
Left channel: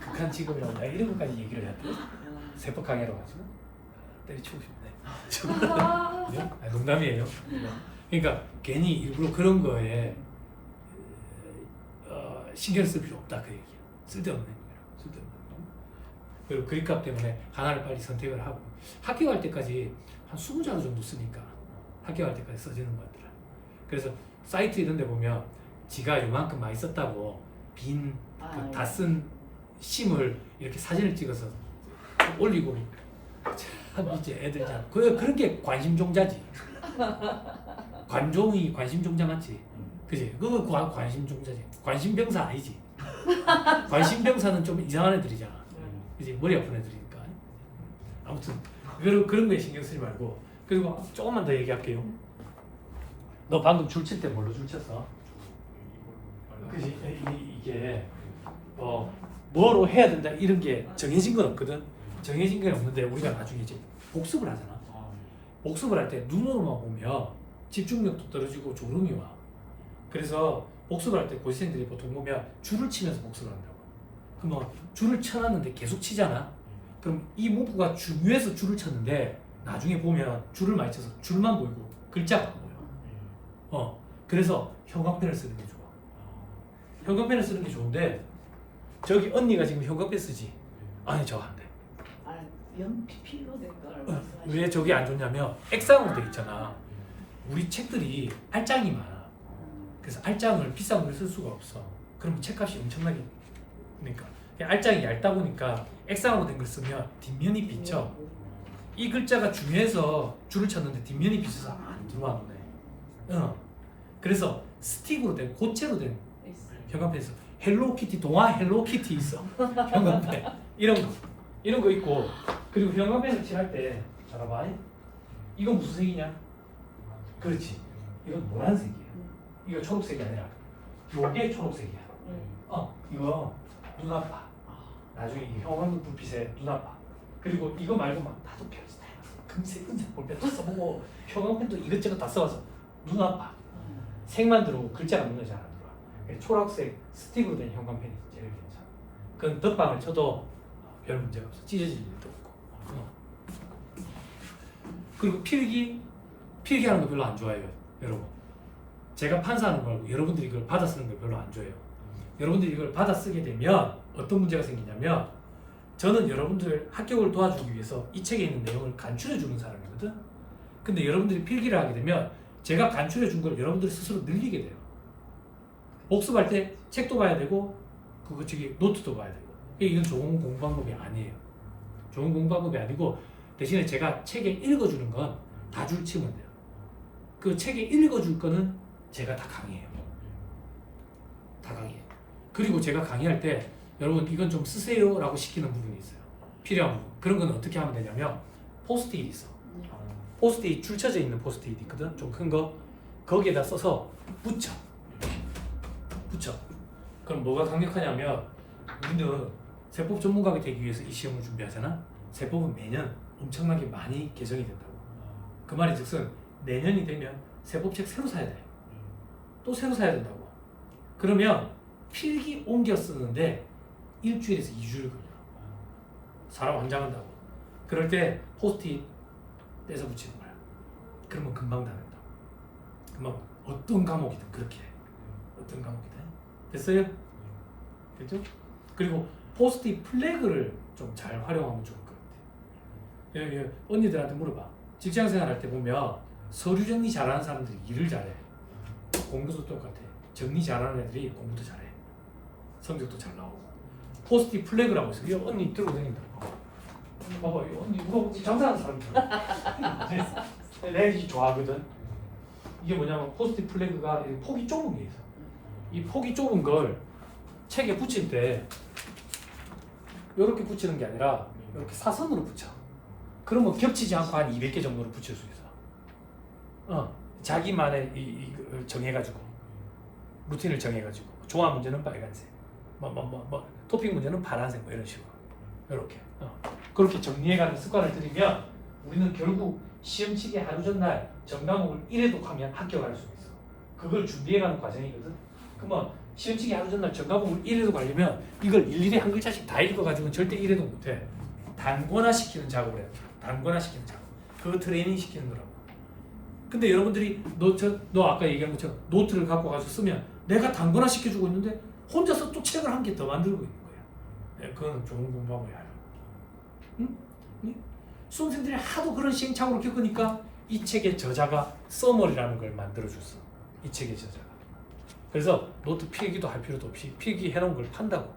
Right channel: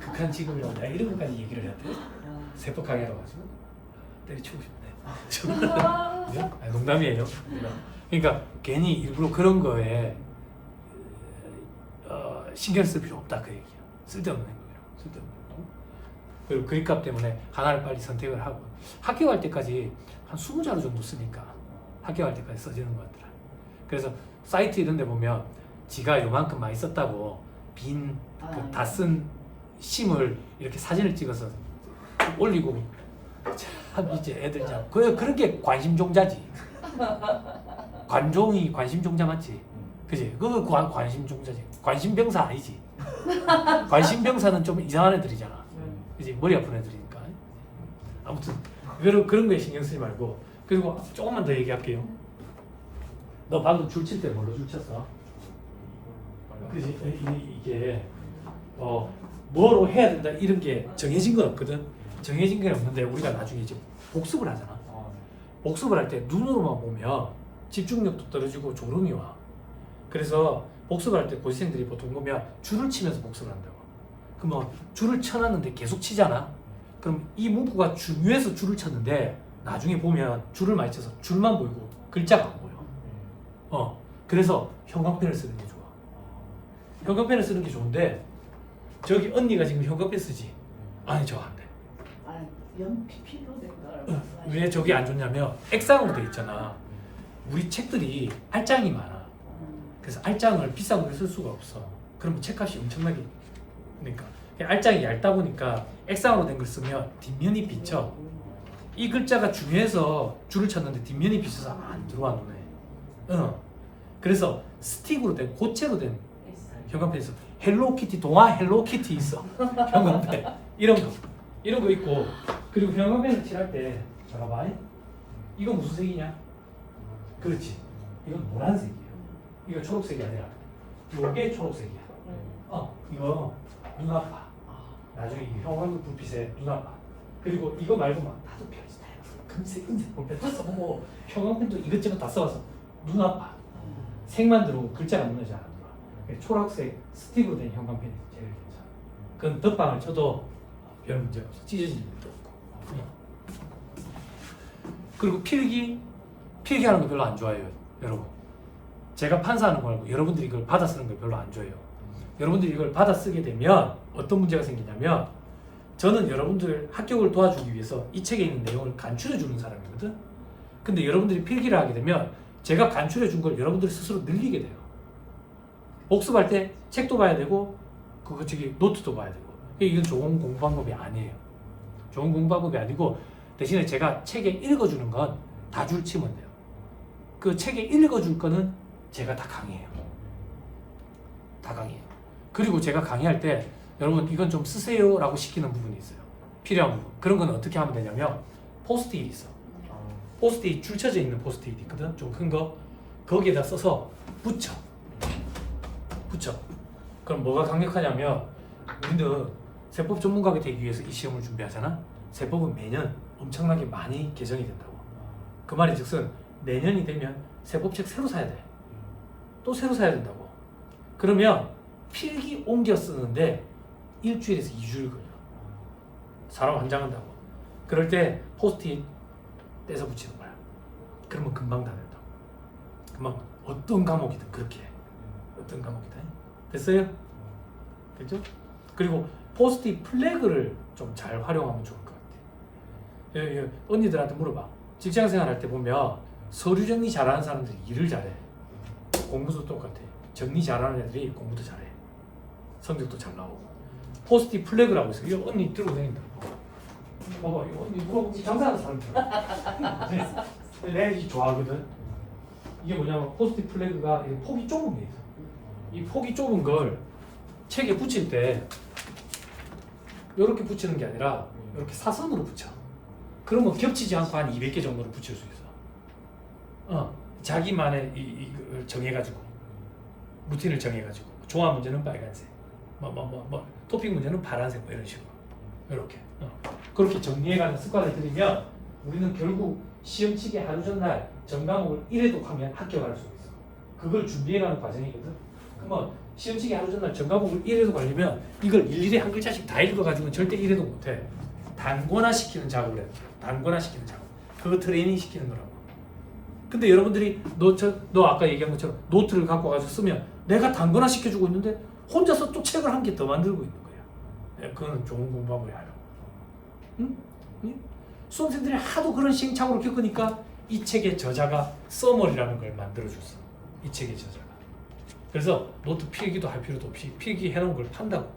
극한 직업이라고 내가 이런 것까지 얘기를 해야 돼? 세법 강의로 가지고 때려치우고 싶네. 아니, 농담이에요. 그러니까 괜히 일부러 그런 거에 신경 쓸 필요 없다 그 얘기야. 쓸데없는 거예요. 쓸데없는 거. 그리고 그립값 때문에 하나를 빨리 선택을 하고 학교 갈 때까지 한 20자루 정도 쓰니까 학교 갈 때까지 써지는 것 같더라. 그래서 사이트 이런 데 보면 지가 요만큼 많이 썼다고 빈 그 다 쓴 심을 이렇게 사진을 찍어서 올리고 참 이제 애들 참 그런 게 관심종자지. 관종이 관심종자 맞지? 그지? 그거 관심종자지. 관심병사 아니지? 관심병사는 좀 이상한 애들이잖아. 그지? 머리 아픈 애들이니까. 아무튼 그런 거에 신경 쓰지 말고. 그리고 조금만 더 얘기할게요. 너 방금 줄 칠 때 뭘로 줄 쳤어? 그지? 이게 뭐로 해야 된다 이런 게 정해진 건 없거든. 정해진 게 없는데 우리가 나중에 이제 복습을 하잖아. 복습을 할 때 눈으로만 보면 집중력도 떨어지고 졸음이 와. 그래서 복습을 할 때 고시생들이 보통 보면 줄을 치면서 복습을 한다고. 그러면 줄을 쳐놨는데 계속 치잖아. 그럼 이 문구가 중요해서 줄을 쳤는데 나중에 보면 줄을 많이 쳐서 줄만 보이고 글자가 안 보여. 그래서 형광펜을 쓰는 게 좋아. 형광펜을 쓰는 게 좋은데 저기 언니가 지금 형광펜 쓰지? 아니 저거 안 돼. 연필로 된 걸. 왜 저기 안 좋냐면 액상으로 돼 있잖아. 우리 책들이 알장이 많아. 그래서 알장을 비싼 걸 쓸 수가 없어. 그러면 책값이 엄청나게 그러니까 알장이 얇다 보니까 액상으로 된 걸 쓰면 뒷면이 비쳐. 이 글자가 중요해서 줄을 쳤는데 뒷면이 비쳐서 안 들어와 눈에. 그래서 스틱으로 된 고체로 된 형광펜 있어. 헬로키티 동화 헬로키티 있어. 형광펜 이런 거 있고. 그리고 형광펜을 칠할 때 잠깐만 이거 무슨 색이냐? 그렇지. 이건 노란색이야. 이거 초록색이 아니라 이게 초록색이야. 이거 눈 아파. 나중에 이 형광 불빛에 눈 아파. 그리고 이거 말고 막 나도 별지 금색 볼펜도 써보고 형광펜도 이것저것 다 써서 눈 아파. 색만 들어오고 글자가 눈에 잘 안 들어. 초록색 스틱으로 된 형광펜이 제일 괜찮아. 그건 덧방을 쳐도 별 문제가 없어. 찢어질 일도 없고. 그리고 필기하는 거 별로 안 좋아해요, 여러분. 제가 판사하는 거 말고 여러분들이 이걸 받아 쓰는 걸 별로 안 좋아해요. 여러분들이 이걸 받아 쓰게 되면 어떤 문제가 생기냐면 저는 여러분들 합격을 도와주기 위해서 이 책에 있는 내용을 간추려 주는 사람이거든. 근데 여러분들이 필기를 하게 되면 제가 간추려 준 걸 여러분들이 스스로 늘리게 돼요. 복습할 때 책도 봐야 되고 노트도 봐야 되고. 이건 좋은 공부 방법이 아니에요. 좋은 공부 방법이 아니고 대신에 제가 책에 읽어주는 건 다 줄 치면 돼요. 그 책에 읽어줄 거는 제가 다 강의해요. 다 강의해요. 그리고 제가 강의할 때 여러분 이건 좀 쓰세요 라고 시키는 부분이 있어요. 필요한 부분. 그런 건 어떻게 하면 되냐면 포스트잇이 있어. 포스트잇 줄 쳐져 있는 포스트잇 있거든. 좀 큰 거. 거기에다 써서 붙여. 그럼 뭐가 강력하냐면 우리는 세법 전문가가 되기 위해서 이 시험을 준비하잖아. 세법은 매년 엄청나게 많이 개정이 된다고. 그 말이 즉슨 내년이 되면 세법책 새로 사야 돼. 또 새로 사야 된다고. 그러면 필기 옮겨 쓰는데 일주일에서 2주를 걸려. 사람 환장한다고. 그럴 때 포스트잇 떼서 붙이는 거야. 그러면 금방 다 된다고. 금방 어떤 과목이든 그렇게 해. 어떤 과목이든. 됐어요? 됐죠? 그리고 포스트잇 플래그를 좀 잘 활용하면 좋을 것 같아. 언니들한테 물어봐. 직장생활 할 때 보면 서류 정리 잘하는 사람들이 일을 잘해. 공부도 똑같아. 정리 잘하는 애들이 공부도 잘해. 성적도 잘 나오고. 포스트잇 플래그라고 있어. 이거 언니 들고 다닌다. 봐봐, 이거 언니 뭐 장사하는 사람이야. 내가 이 좋아하거든. 이게 뭐냐면 포스트잇 플래그가 폭이 좁은 게 있어. 이 폭이 좁은 걸 책에 붙일 때 이렇게 붙이는 게 아니라 이렇게 사선으로 붙여. 그러면 겹치지 않고 한 200개 정도를 붙일 수 있어. 자기만의 이걸 정해가지고 루틴을 정해가지고 종합 문제는 빨간색, 토픽 문제는 파란색 뭐 이런 식으로 이렇게 그렇게 정리해가는 습관을 들이면 우리는 결국 시험치기 하루 전날 전과목을 1회독 하면 합격할 수 있어. 그걸 준비해가는 과정이거든. 그러면 시험치기 하루 전날 전과목을 1회독 하려면 이걸 일일이 한 글자씩 다 읽어가지고는 절대 1회독 못해. 단권화시키는 작업을 해. 단권화시키는 작업. 그거 트레이닝 시키는 거라고. 근데 여러분들이 너 아까 얘기한 것처럼 노트를 갖고 가지고 쓰면 내가 단권화 시켜주고 있는데 혼자서 또 책을 한 개 더 만들고 있는 거야. 네, 그건 좋은 공부하고 해요. 응? 응? 수험생들이 하도 그런 시행착오를 겪으니까 이 책의 저자가 써머리라는 걸 만들어줬어. 이 책의 저자가. 그래서 노트 필기도 할 필요도 없이 필기 해놓은 걸 판다고.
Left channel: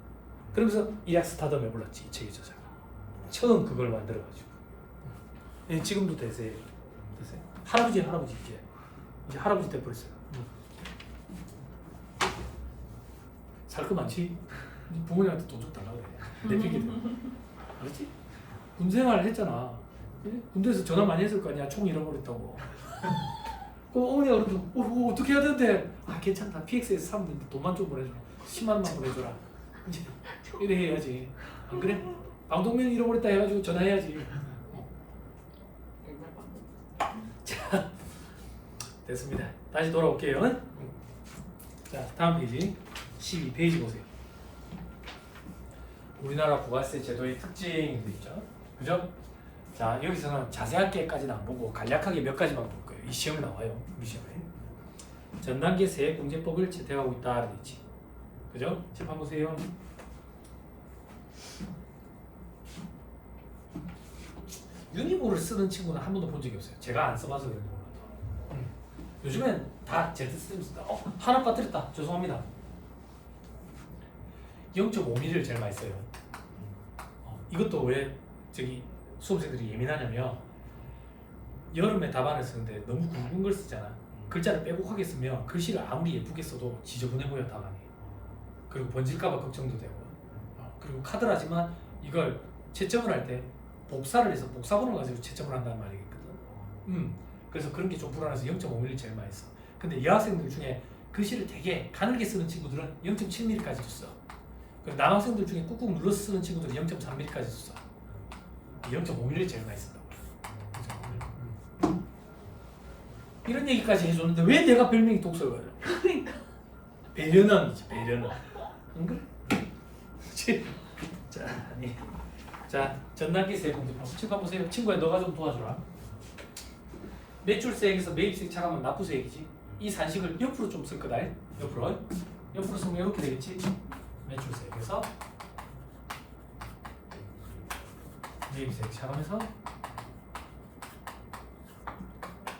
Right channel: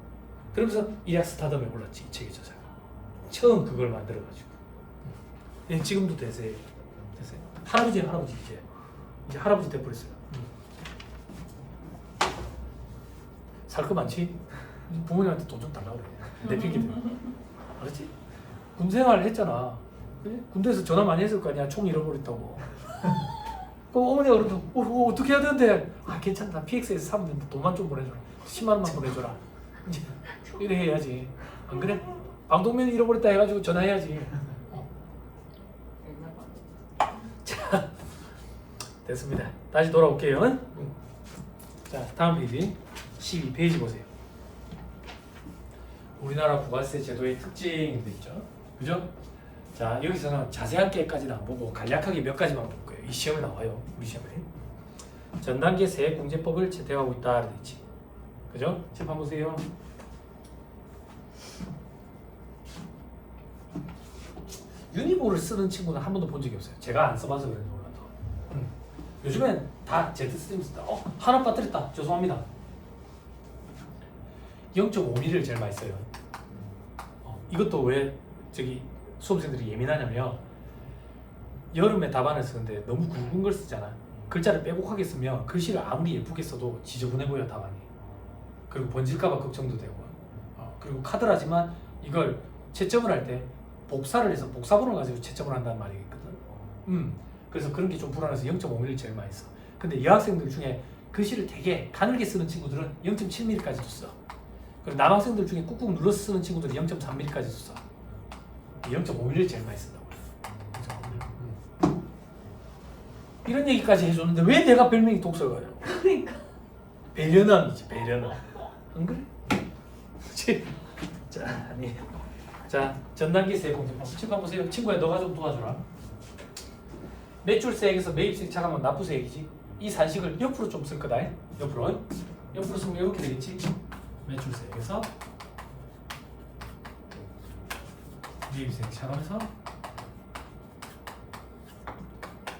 그러면서 이약 스타덤에 올랐지, 이 책의 저자가. 처음 그걸 만들어가지고. 네, 지금도 되세요. 할아버지 이제 할아버지 돼버렸어요. 살 거 많지? 부모님한테 돈 좀 달라고 그래. 내 필기. 알았지? 군생활을 했잖아. 군대에서 전화 많이 했을 거 아니야. 총 잃어버렸다고. 그 어머니가 그러면 어떻게 해야 되는데? 아 괜찮다. PX에서 사면 되는데 돈만 좀 보내줘라. 10만 원만 보내줘라. 이제 이래 해야지. 안 그래? 방독면 잃어버렸다 해가지고 전화해야지. 자, 됐습니다. 다시 돌아올게요. 자, 다음 페이지 12페이지 보세요. 우리나라 부가세 제도의 특징도 있죠. 그죠? 자, 여기서는 자세하게까지는 안 보고 간략하게 몇 가지만 볼 거예요. 이 시험에 나와요. 우리 시험에. 전 단계 세액공제법을 채택하고 있다 되어 있지. 그죠? 책 한번 보세요. 유니보를 쓰는 친구는 한 번도 본 적이 없어요. 제가 안 써봐서 그런지 몰라도. 요즘엔 다 제트스트림 쓴다. 하나 빠뜨렸다. 죄송합니다. 0.5mm를 제일 많이 써요. 이것도 왜 저기 수험생들이 예민하냐면 여름에 답안을 쓰는데 너무 굵은 걸 쓰잖아. 글자를 빼곡하게 쓰면 글씨를 아무리 예쁘게 써도 지저분해 보여 답안이. 그리고 번질까봐 걱정도 되고. 그리고 카드라지만 이걸 채점을 할 때 복사를 해서 복사본을 가지고 채점을 한다는 말이 있거든. 그래서 그런 게 좀 불안해서 0.5mm 제일 많이 써. 근데 여학생들 중에 글씨를 되게 가늘게 쓰는 친구들은 0.7mm까지도 써. 그리고 남학생들 중에 꾹꾹 눌러서 쓰는 친구들은 0.3mm까지도 써. 0.5mm 제일 많이 쓴다고. 이런 얘기까지 해줬는데 왜 내가 별명이 독설가냐? 그러니까. 배려남이지, 배려남. 안 그래? 자, 아니. 자, 전단계 세액공제법. 책 한번 보세요. 친구야, 너가 좀 도와줘라. 매출세액에서 매입세액 차감하면 납부세액이지. 이 산식을 옆으로 좀 쓸 거다. 옆으로 쓰면 이렇게 되겠지. 매출세액에서 매입세액 차감해서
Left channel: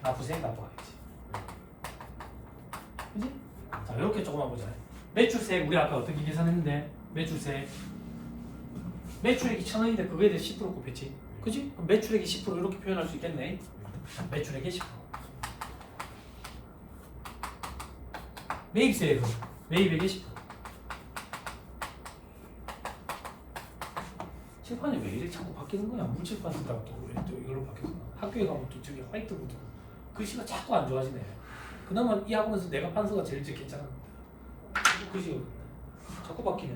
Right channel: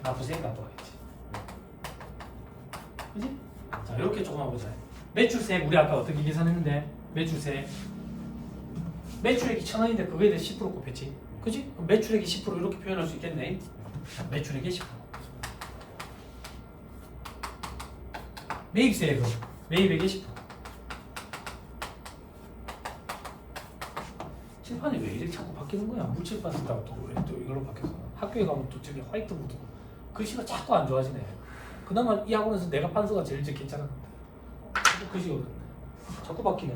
납부세액 납부하겠지. 그지? 자, 이렇게 조금만 보자. 매출세액 우리 아까 어떻게 계산했는데 매출액이 1,000원인데 그거에 대해 10% 곱했지. 그지? 그럼 매출액이 10% 이렇게 표현할 수 있겠네. 매출액이 10%. 매입세액은 매입액이 10%. 칠판이 왜 이렇게 자꾸 바뀌는 거야? 물칠판 쓰다가 또 이걸로 바뀌었어. 학교에 가면 또 저기 화이트보드 글씨가 자꾸 안 좋아지네. 그나마 이 학원에서 내가 판서가 제일 괜찮은 건데 글씨가 자꾸 바뀌네.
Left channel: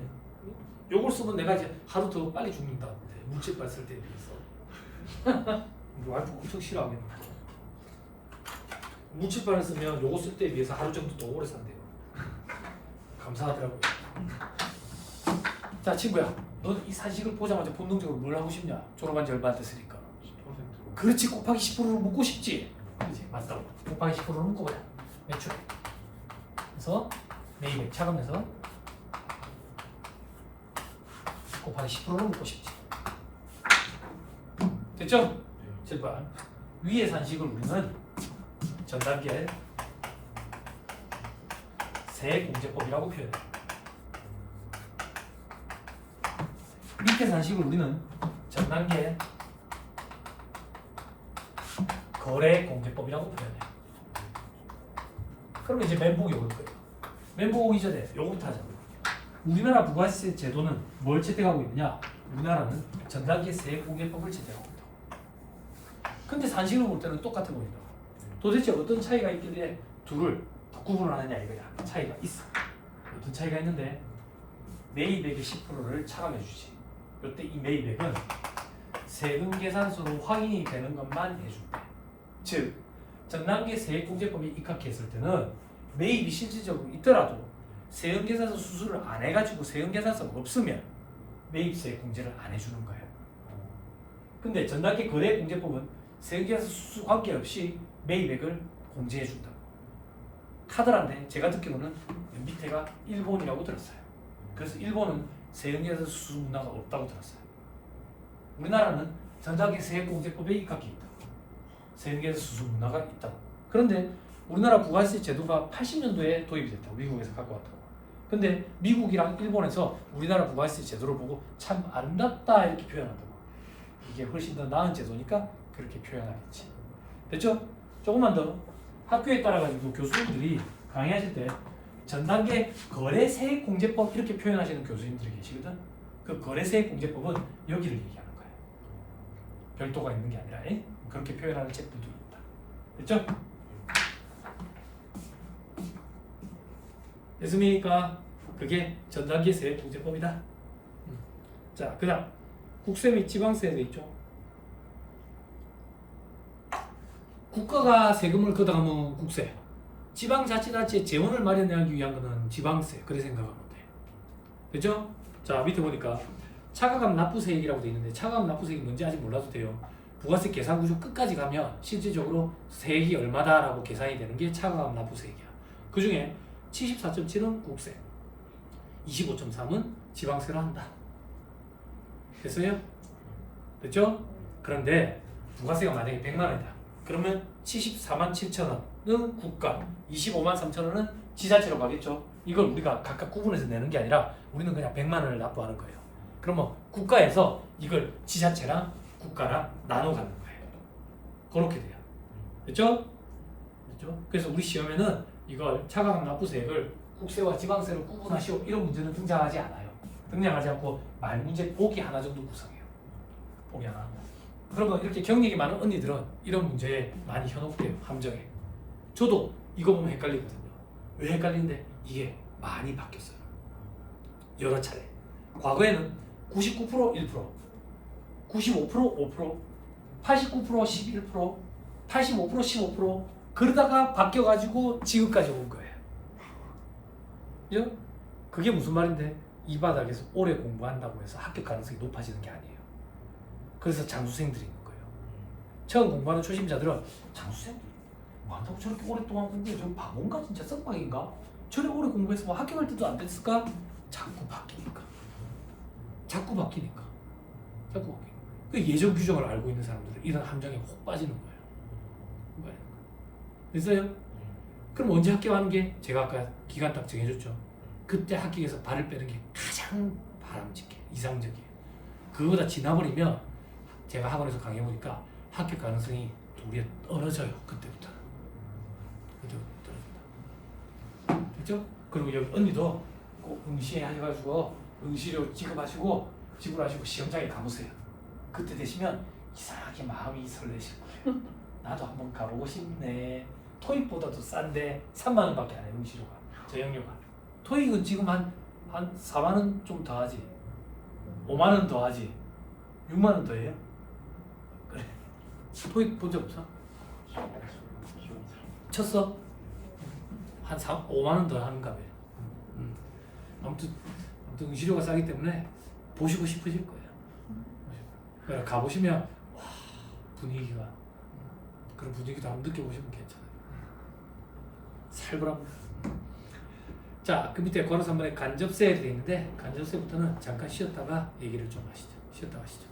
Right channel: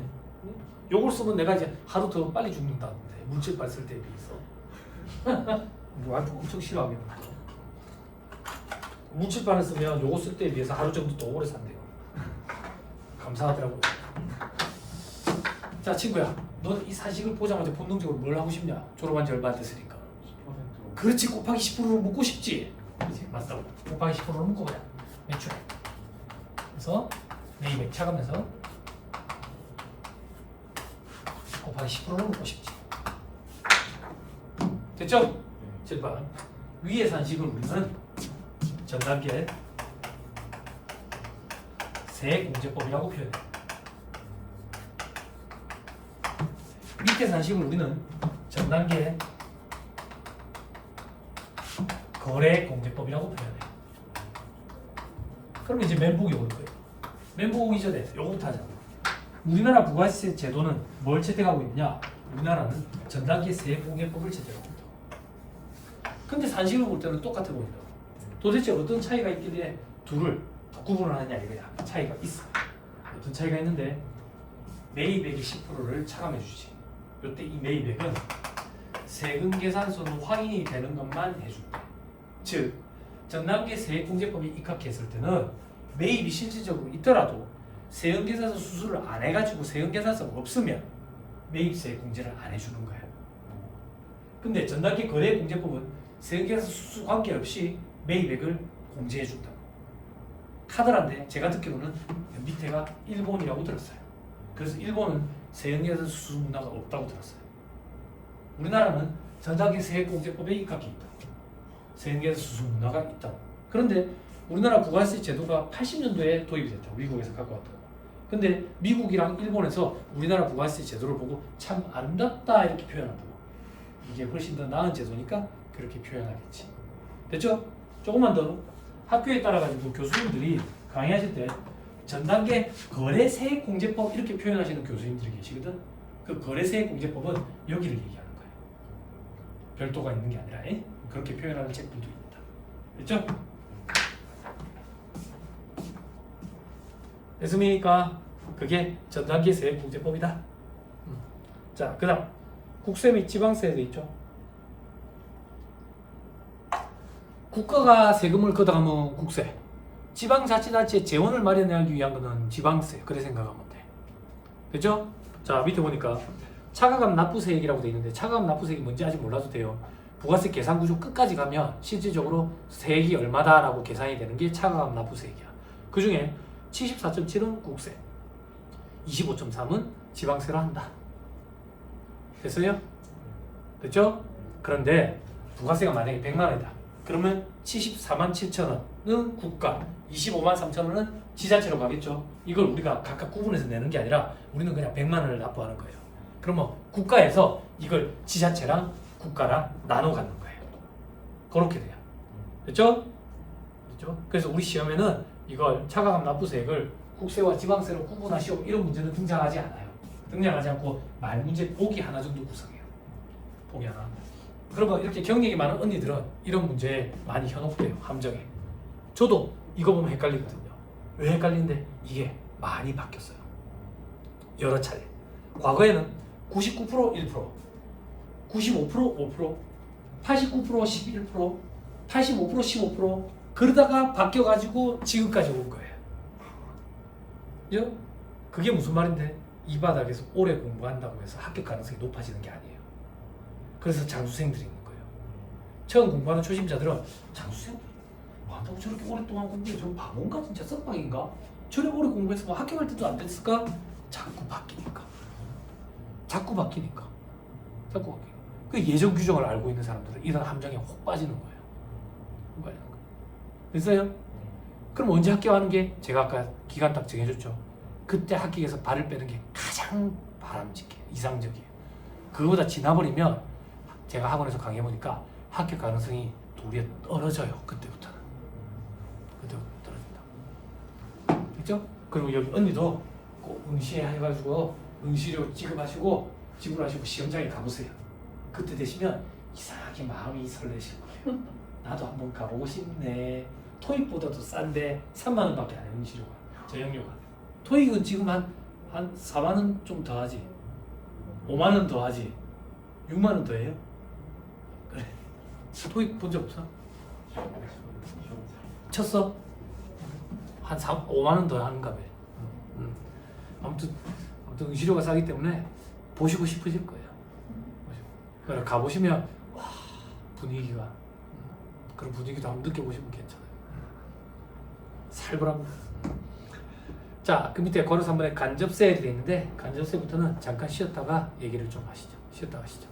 요걸 쓰면 내가 이제 하루 더 빨리 죽는다는데 문칠팔 쓸 때에 비해서. 우리 와이프 엄청 싫어하겠는데. 문칠팔을 쓰면 요거 쓸 때에 비해서 하루 정도 더 오래 산대요. 감사하더라고요. 자 친구야, 넌 이 산식을 보자마자 본능적으로 뭘 하고 싶냐? 졸업한 지 얼마 안 됐으니까. 10%로. 그렇지, 곱하기 10%를 묻고 싶지. 그렇지, 맞다. 곱하기 10%를 묻고 그래. 매출. 그래서 매입액 차감해서 곱하기 10%를 묻고 싶지. 됐죠? 네. 7번. 위의 산식을 우리는 전 단계 세공제법이라고 표현해. 밑에 산식을 우리는 전 단계 거래공제법이라고 표현해. 그러면 이제 멘붕이 올 거예요. 멘붕 이전에 요거부터 하자. 우리나라 부가세 제도는 뭘 채택하고 있느냐? 우리나라는 전 단계 세공제법을 채택하고 있다. 근데 산식을 볼 때는 똑같아 보인다. 도대체 어떤 차이가 있길래 둘을 구분을 하느냐 이거야. 차이가 있어. 어떤 차이가 있는데 매입액의 10%를 차감해 주지. 이때 이 매입액은 세금 계산서로 확인이 되는 것만 해준대. 즉 전단계 세액공제법이 입각했을 때는 매입이 실질적으로 있더라도 세금 계산서 수수를 안 해가지고 세금 계산서가 없으면 매입 세액공제를 안 해주는 거예요. 근데 전단계 거래공제법은 세금 계산서 수수 관계없이 매입액을 공제해 준다고. 카드란데 제가 듣기로는 밑에가 일본이라고 들었어요. 그래서 일본은 세금계산서 수수 문화가 없다고 들었어요. 우리나라는 전단계 세액공제법에 입각해 있다. 세금계산서 수수 문화가 있다고. 그런데 우리나라 부가세 제도가 80년도에 도입이 됐다. 미국에서 갖고 왔다고. 근데 미국이랑 일본에서 우리나라 부가세 제도를 보고 참 아름답다 이렇게 표현한다고. 이게 훨씬 더 나은 제도니까 그렇게 표현하겠지. 됐죠? 조금만 더. 학교에 따라가지고 교수님들이 강의하실 때 전단계 거래세액공제법 이렇게 표현하시는 교수님들이 계시거든. 그 거래세액공제법은 여기를 얘기하는 거예요. 별도가 있는 게 아니라 그렇게 표현하는 책들도 있다. 됐죠? 됐습니까? 그게 전단계 세액공제법이다. 자, 그 다음 국세 및 지방세액 있죠. 국가가 세금을 걷어가면 국세, 지방자치단체 재원을 마련하기 위한 것은 지방세. 그래 생각하면 돼. 됐죠? 자, 밑에 보니까 차가감 납부세액이라고 돼 있는데 차가감 납부세액이 뭔지 아직 몰라도 돼요. 부가세 계산 구조 끝까지 가면 실질적으로 세액이 얼마다라고 계산이 되는 게 차가감 납부세액이야. 그 중에 74.7은 국세, 25.3은 지방세로 한다. 됐어요? 됐죠? 그런데 부가세가 만약에 100만 원이다. 그러면 74만 7천 원은 국가, 25만 3천 원은 지자체로 가겠죠. 이걸 우리가 각각 구분해서 내는 게 아니라 우리는 그냥 100만 원을 납부하는 거예요. 그러면 국가에서 이걸 지자체랑 국가랑 나눠 갖는 거예요. 그렇게 돼요. 됐죠? 됐죠? 그래서 우리 시험에는 이걸 차가감 납부세액을 국세와 지방세로 구분하시오 이런 문제는 등장하지 않아요. 등장하지 않고 말문제 보기 하나 정도 구성해요. 보기 하나. 그리고 이렇게 경력이 많은 언니들은 이런 문제에 많이 현혹돼요. 함정에. 저도 이거 보면 헷갈리거든요. 왜 헷갈리는데 이게 많이 바뀌었어요. 여러 차례. 과거에는 99% 1%, 95% 5%, 89% 11%, 85% 15% 그러다가 바뀌어가지고 지금까지 온 거예요. 그게 무슨 말인데 이 바닥에서 오래 공부한다고 해서 합격 가능성이 높아지는 게 아니에요. 그래서 장수생들이 있는 거예요. 처음 공부하는 초심자들은 장수생들 뭐 한다고 저렇게 오랫동안 공부해? 저 바본가? 진짜 썩방인가? 저래 오래 공부해서 뭐 합격할 때도 안 됐을까? 자꾸 바뀌니까. 자꾸 바뀌니까. 그 예전 규정을 알고 있는 사람들은 이런 함정에 혹 빠지는 거예요. 됐어요? 그럼 언제 합격하는 게 제가 아까 기간 딱 정해줬죠. 그때 합격해서 발을 빼는 게 가장 바람직해, 이상적이에요. 그거보다 지나버리면 제가 학원에서 강의해보니까 합격 가능성이 도리어 떨어져요. 그때부터는. 떨어진다. 됐죠? 그리고 여기 언니도 꼭 응시해 해가지고 응시료 지급하시고 지불하시고 시험장에 가보세요. 그때 되시면 이상하게 마음이 설레실 거예요. 나도 한번 가보고 싶네. 토익보다도 싼데 3만 원밖에 안 해. 응시료가, 저형료가. 토익은 지금 한 4만 원 좀 더 하지. 5만 원 더하지. 6만 원 더해. 그래. 토익 본 적 없어? 쳤어? 한 5만 원 더 하는가 봐. 아무튼 응시료가 싸기 때문에 보시고 싶으실 거예요. 그래 가보시면 와 분위기가 그런 분위기도 한번 느껴보시면 괜찮아요. 살벌합니다. 자, 그 밑에 괄호 3번에 간접세일이 되어 있는데 간접세부터는 잠깐 쉬었다가 얘기를 좀 하시죠. 쉬었다 가시죠.